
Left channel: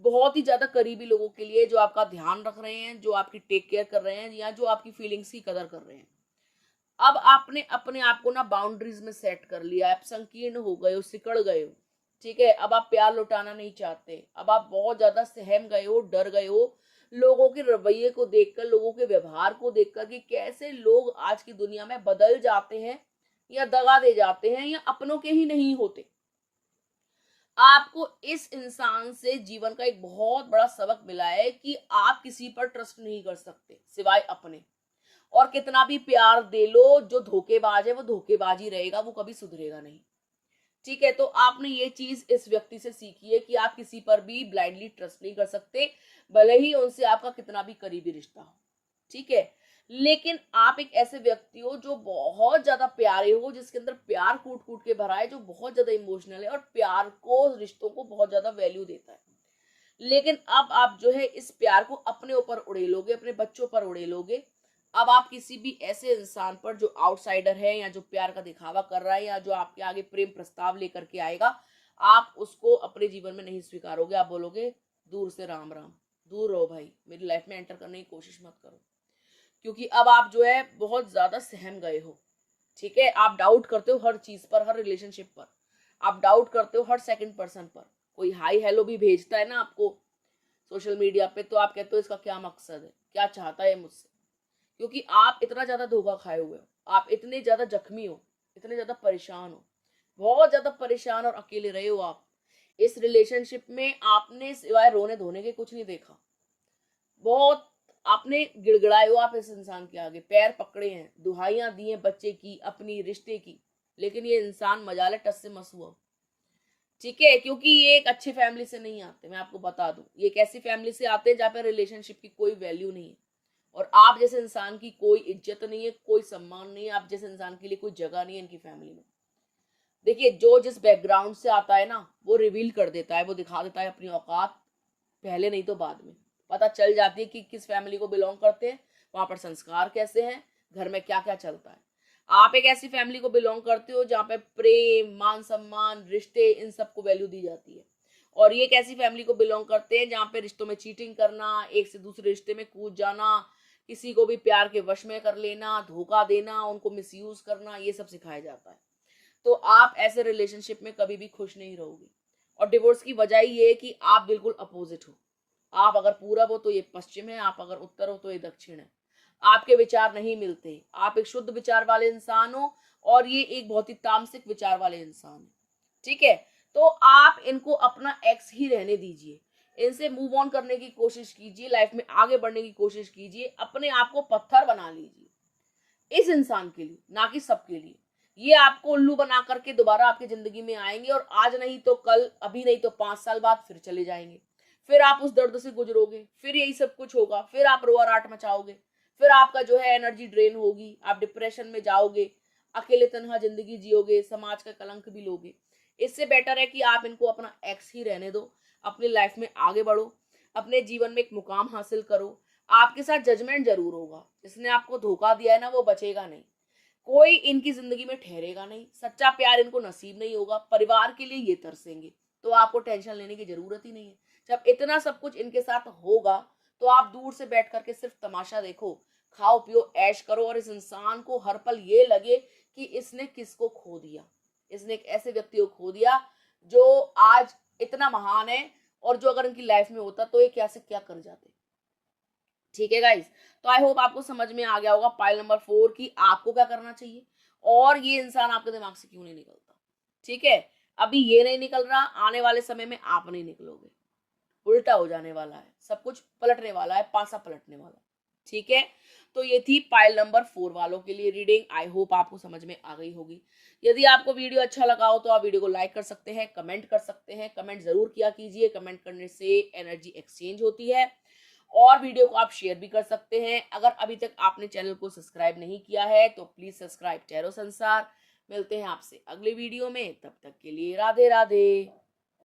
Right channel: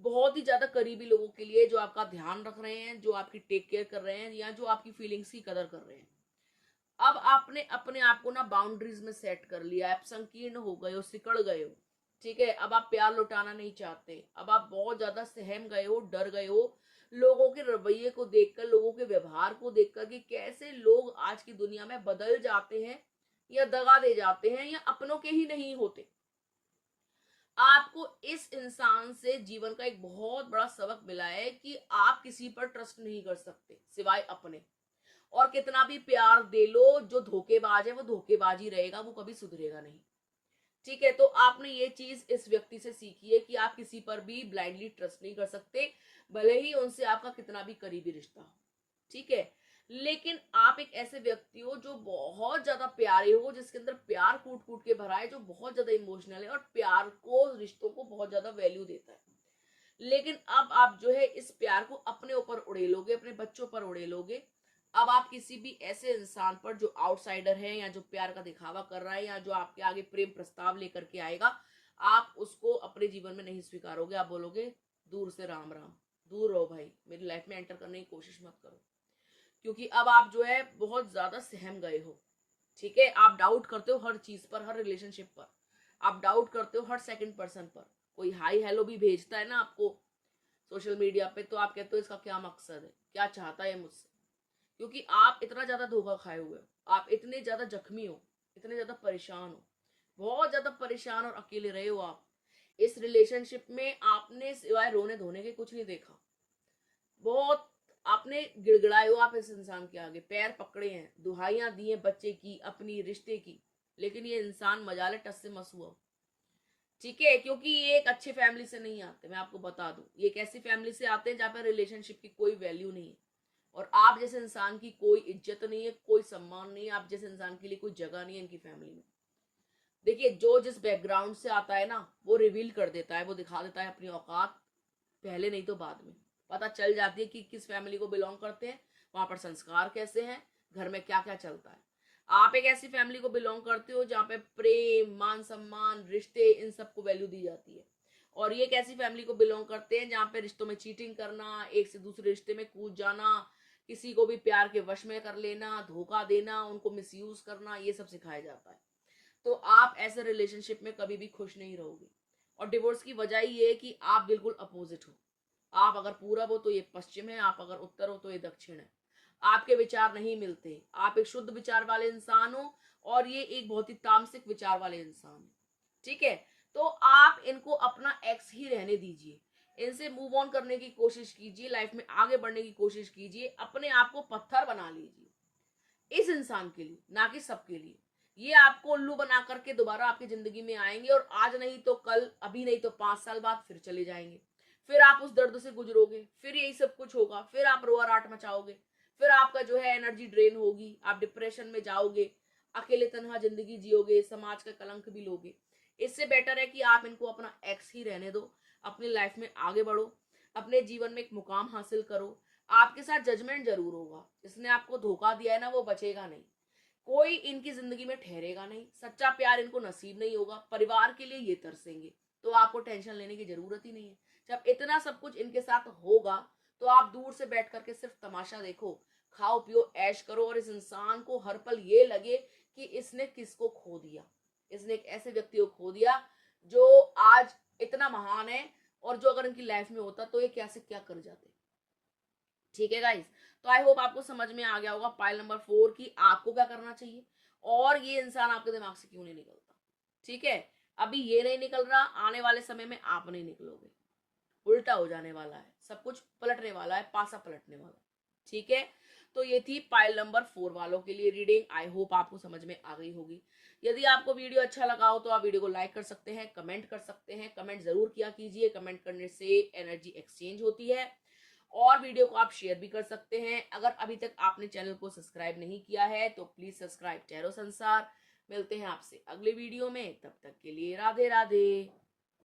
बहुत ही ज्यादा करीबी लोगों के लिए जो आपका ध्यान रख रहे हैं, जो आपकी टेक केयर कर रहे हैं, या जो आपकी फीलिंग्स की कदर कर रहे हैं। अब आपने अपने आप को ना बाउंड्रीज में सेट कर लिया, आप संकीर्ण हो गए हो, सिकड़ गए हो, ठीक है, अब आप प्यार लौटाना नहीं चाहते, अब आप बहुत ज्यादा सहम गए हो, डर गए हो लोगों के रवैये को देखकर, लोगों के व्यवहार को देखकर कि कैसे लोग आज की दुनिया में बदल जाते हैं, या दगा दे जाते हैं, या अपनों के ही नहीं होते। आपको इस इंसान से जीवन का एक बहुत बड़ा सबक मिला है कि आप किसी पर ट्रस्ट नहीं कर सकते सिवाय अपने, और कितना भी प्यार दे लो, जो धोखेबाज है वो धोखेबाज ही रहेगा, वो कभी सुधरेगा नहीं, ठीक है। तो आपने ये चीज इस व्यक्ति से सीखी है कि आप किसी पर भी ब्लाइंडली ट्रस्ट नहीं कर सकते, भले ही उनसे आपका कितना भी करीबी रिश्ता हो, ठीक है। लेकिन आप एक ऐसे व्यक्ति हो जो बहुत ज्यादा प्यारे हो, जिसके अंदर प्यार कूट कूट के भरा है, जो बहुत ज्यादा इमोशनल है और प्यार को, रिश्तों को बहुत ज्यादा वैल्यू देता है। लेकिन अब आप जो है इस प्यार को अपने ऊपर उड़ेलोगे, अपने बच्चों पर उड़ेलोगे। अब आप किसी भी ऐसे इंसान पर जो आउटसाइडर है, या जो प्यार का दिखावा कर रहा है, या जो आपके आगे प्रेम प्रस्ताव लेकर के आएगा, आप उसको अपने जीवन में नहीं स्वीकारोगे। आप बोलोगे दूर से राम राम, दूर रहो भाई, मेरी लाइफ में एंटर करने की कोशिश मत करो, क्योंकि अब आप जो है बहुत ज्यादा सहम गए हो, ठीक है। आप डाउट करते हो हर चीज पर, हर रिलेशनशिप पर, आप डाउट करते हो हर सेकंड पर्सन पर। कोई हाई हेलो भी भेजता है ना आपको सोशल मीडिया पे, तो आप कहते हो इसका क्या मकसद है, क्या चाहता है मुझसे, क्योंकि आप इतना ज्यादा धोखा खाए हुए हो, आप इतने ज्यादा जख्मी हो, इतने ज्यादा परेशान हो, बहुत ज्यादा परेशान और अकेले रहे हो आप। इस रिलेशनशिप में आपने सिवाय रोने धोने के कुछ नहीं देखा। बहुत आपने गिड़गिड़ाए हो आप इस इंसान के आगे, पैर पकड़े हैं, दुहाइयां दी हैं बच्चे की, अपनी रिश्ते की, लेकिन ये इंसान मजाले टस से मस हुआ। ठीक है, क्योंकि ये एक अच्छी फैमिली से नहीं आते, मैं आपको बता दूं, ये एक ऐसी फैमिली से आते हैं जहाँ पे रिलेशनशिप की कोई वैल्यू नहीं है, और आप जैसे इंसान की कोई इज्जत नहीं है, कोई सम्मान नहीं है, आप जैसे इंसान के लिए कोई जगह नहीं है इनकी फैमिली में। देखिए, जो जिस बैकग्राउंड से आता है ना, वो रिवील कर देता है, वो दिखा देता है अपनी औकात, पहले नहीं तो बाद में पता चल जाती है कि किस फैमिली को बिलोंग करते हैं, वहां पर संस्कार कैसे हैं, घर में क्या क्या चलता है। आप एक ऐसी फैमिली को बिलोंग करते हो जहाँ पे प्रेम, मान सम्मान, रिश्ते, इन सबको वैल्यू दी जाती है, और ये एक ऐसी फैमिली को बिलोंग करते हैं जहाँ पे रिश्तों में चीटिंग करना, एक से दूसरे रिश्ते में कूद जाना, किसी को भी प्यार के वश में कर लेना, धोखा देना, उनको मिसयूज करना, ये सब सिखाया जाता है। तो आप ऐसे रिलेशनशिप में कभी भी खुश नहीं रहोगे, और डिवोर्स की वजह ये है कि आप बिल्कुल अपोजिट हो। आप अगर पूरब हो तो ये पश्चिम है, आप अगर उत्तर हो तो ये दक्षिण है। आपके विचार नहीं मिलते, आप एक शुद्ध विचार वाले इंसान हो, और ये एक बहुत ही तामसिक विचार वाले इंसान है। ठीक है, तो आप इनको अपना एक्स ही रहने दीजिए, इनसे मूव ऑन करने की कोशिश कीजिए, लाइफ में आगे बढ़ने की कोशिश कीजिए, अपने आप को पत्थर बना लीजिए इस इंसान के लिए, ना कि सबके लिए। ये आपको उल्लू बना करके दोबारा आपकी जिंदगी में आएंगे, और आज नहीं तो कल, अभी नहीं तो 5 साल बाद फिर चले जाएंगे। फिर आप उस दर्द से गुजरोगे, फिर यही सब कुछ होगा, फिर आप रोआ राट मचाओगे, फिर आपका जो है एनर्जी ड्रेन होगी, आप डिप्रेशन में जाओगे, अकेले तन्हा जिंदगी जियोगे, समाज का कलंक भी लोगे। इससे बेटर है कि आप इनको अपना एक्स ही रहने दो, अपनी लाइफ में आगे बढ़ो, अपने जीवन में एक मुकाम हासिल करो। आपके साथ जजमेंट जरूर होगा, जिसने आपको धोखा दिया है ना, वो बचेगा नहीं, कोई इनकी जिंदगी में ठहरेगा नहीं, सच्चा प्यार इनको नसीब नहीं होगा, परिवार के लिए ये तरसेंगे। तो आपको टेंशन लेने की जरूरत ही नहीं है। जब इतना सब कुछ इनके साथ होगा, तो आप दूर से बैठ करके सिर्फ तमाशा देखो, खाओ पियो ऐश करो, और इस इंसान को हर पल ये लगे कि इसने किसको खो दिया, इसने एक ऐसे व्यक्ति को खो दिया जो आज इतना महान है, और जो अगर इनकी लाइफ में होता तो ये क्या से क्या कर जाते। ठीक है गाइस, तो आई होप आपको समझ में आ गया होगा पाइल नंबर 4 की आपको क्या करना चाहिए, और ये इंसान आपके दिमाग से क्यों नहीं निकलता। ठीक है, अभी ये नहीं निकल रहा, आने वाले समय में आप नहीं निकलोगे, उल्टा हो जाने वाला है, सब कुछ पलटने वाला है, पासा पलटने वाला है। ठीक है, तो ये थी पाइल नंबर 4 वालों के लिए रीडिंग। आई होप आपको समझ में आ गई होगी। यदि आपको वीडियो अच्छा लगा हो तो आप वीडियो को लाइक कर सकते हैं, कमेंट कर सकते हैं, कमेंट जरूर किया कीजिए, कमेंट करने से एनर्जी एक्सचेंज होती है, और वीडियो को आप शेयर भी कर सकते हैं। अगर अभी तक आपने चैनल को सब्सक्राइब नहीं किया है तो प्लीज सब्सक्राइब टैरो संसार। मिलते हैं आपसे अगले वीडियो में, तब तक के लिए राधे राधे।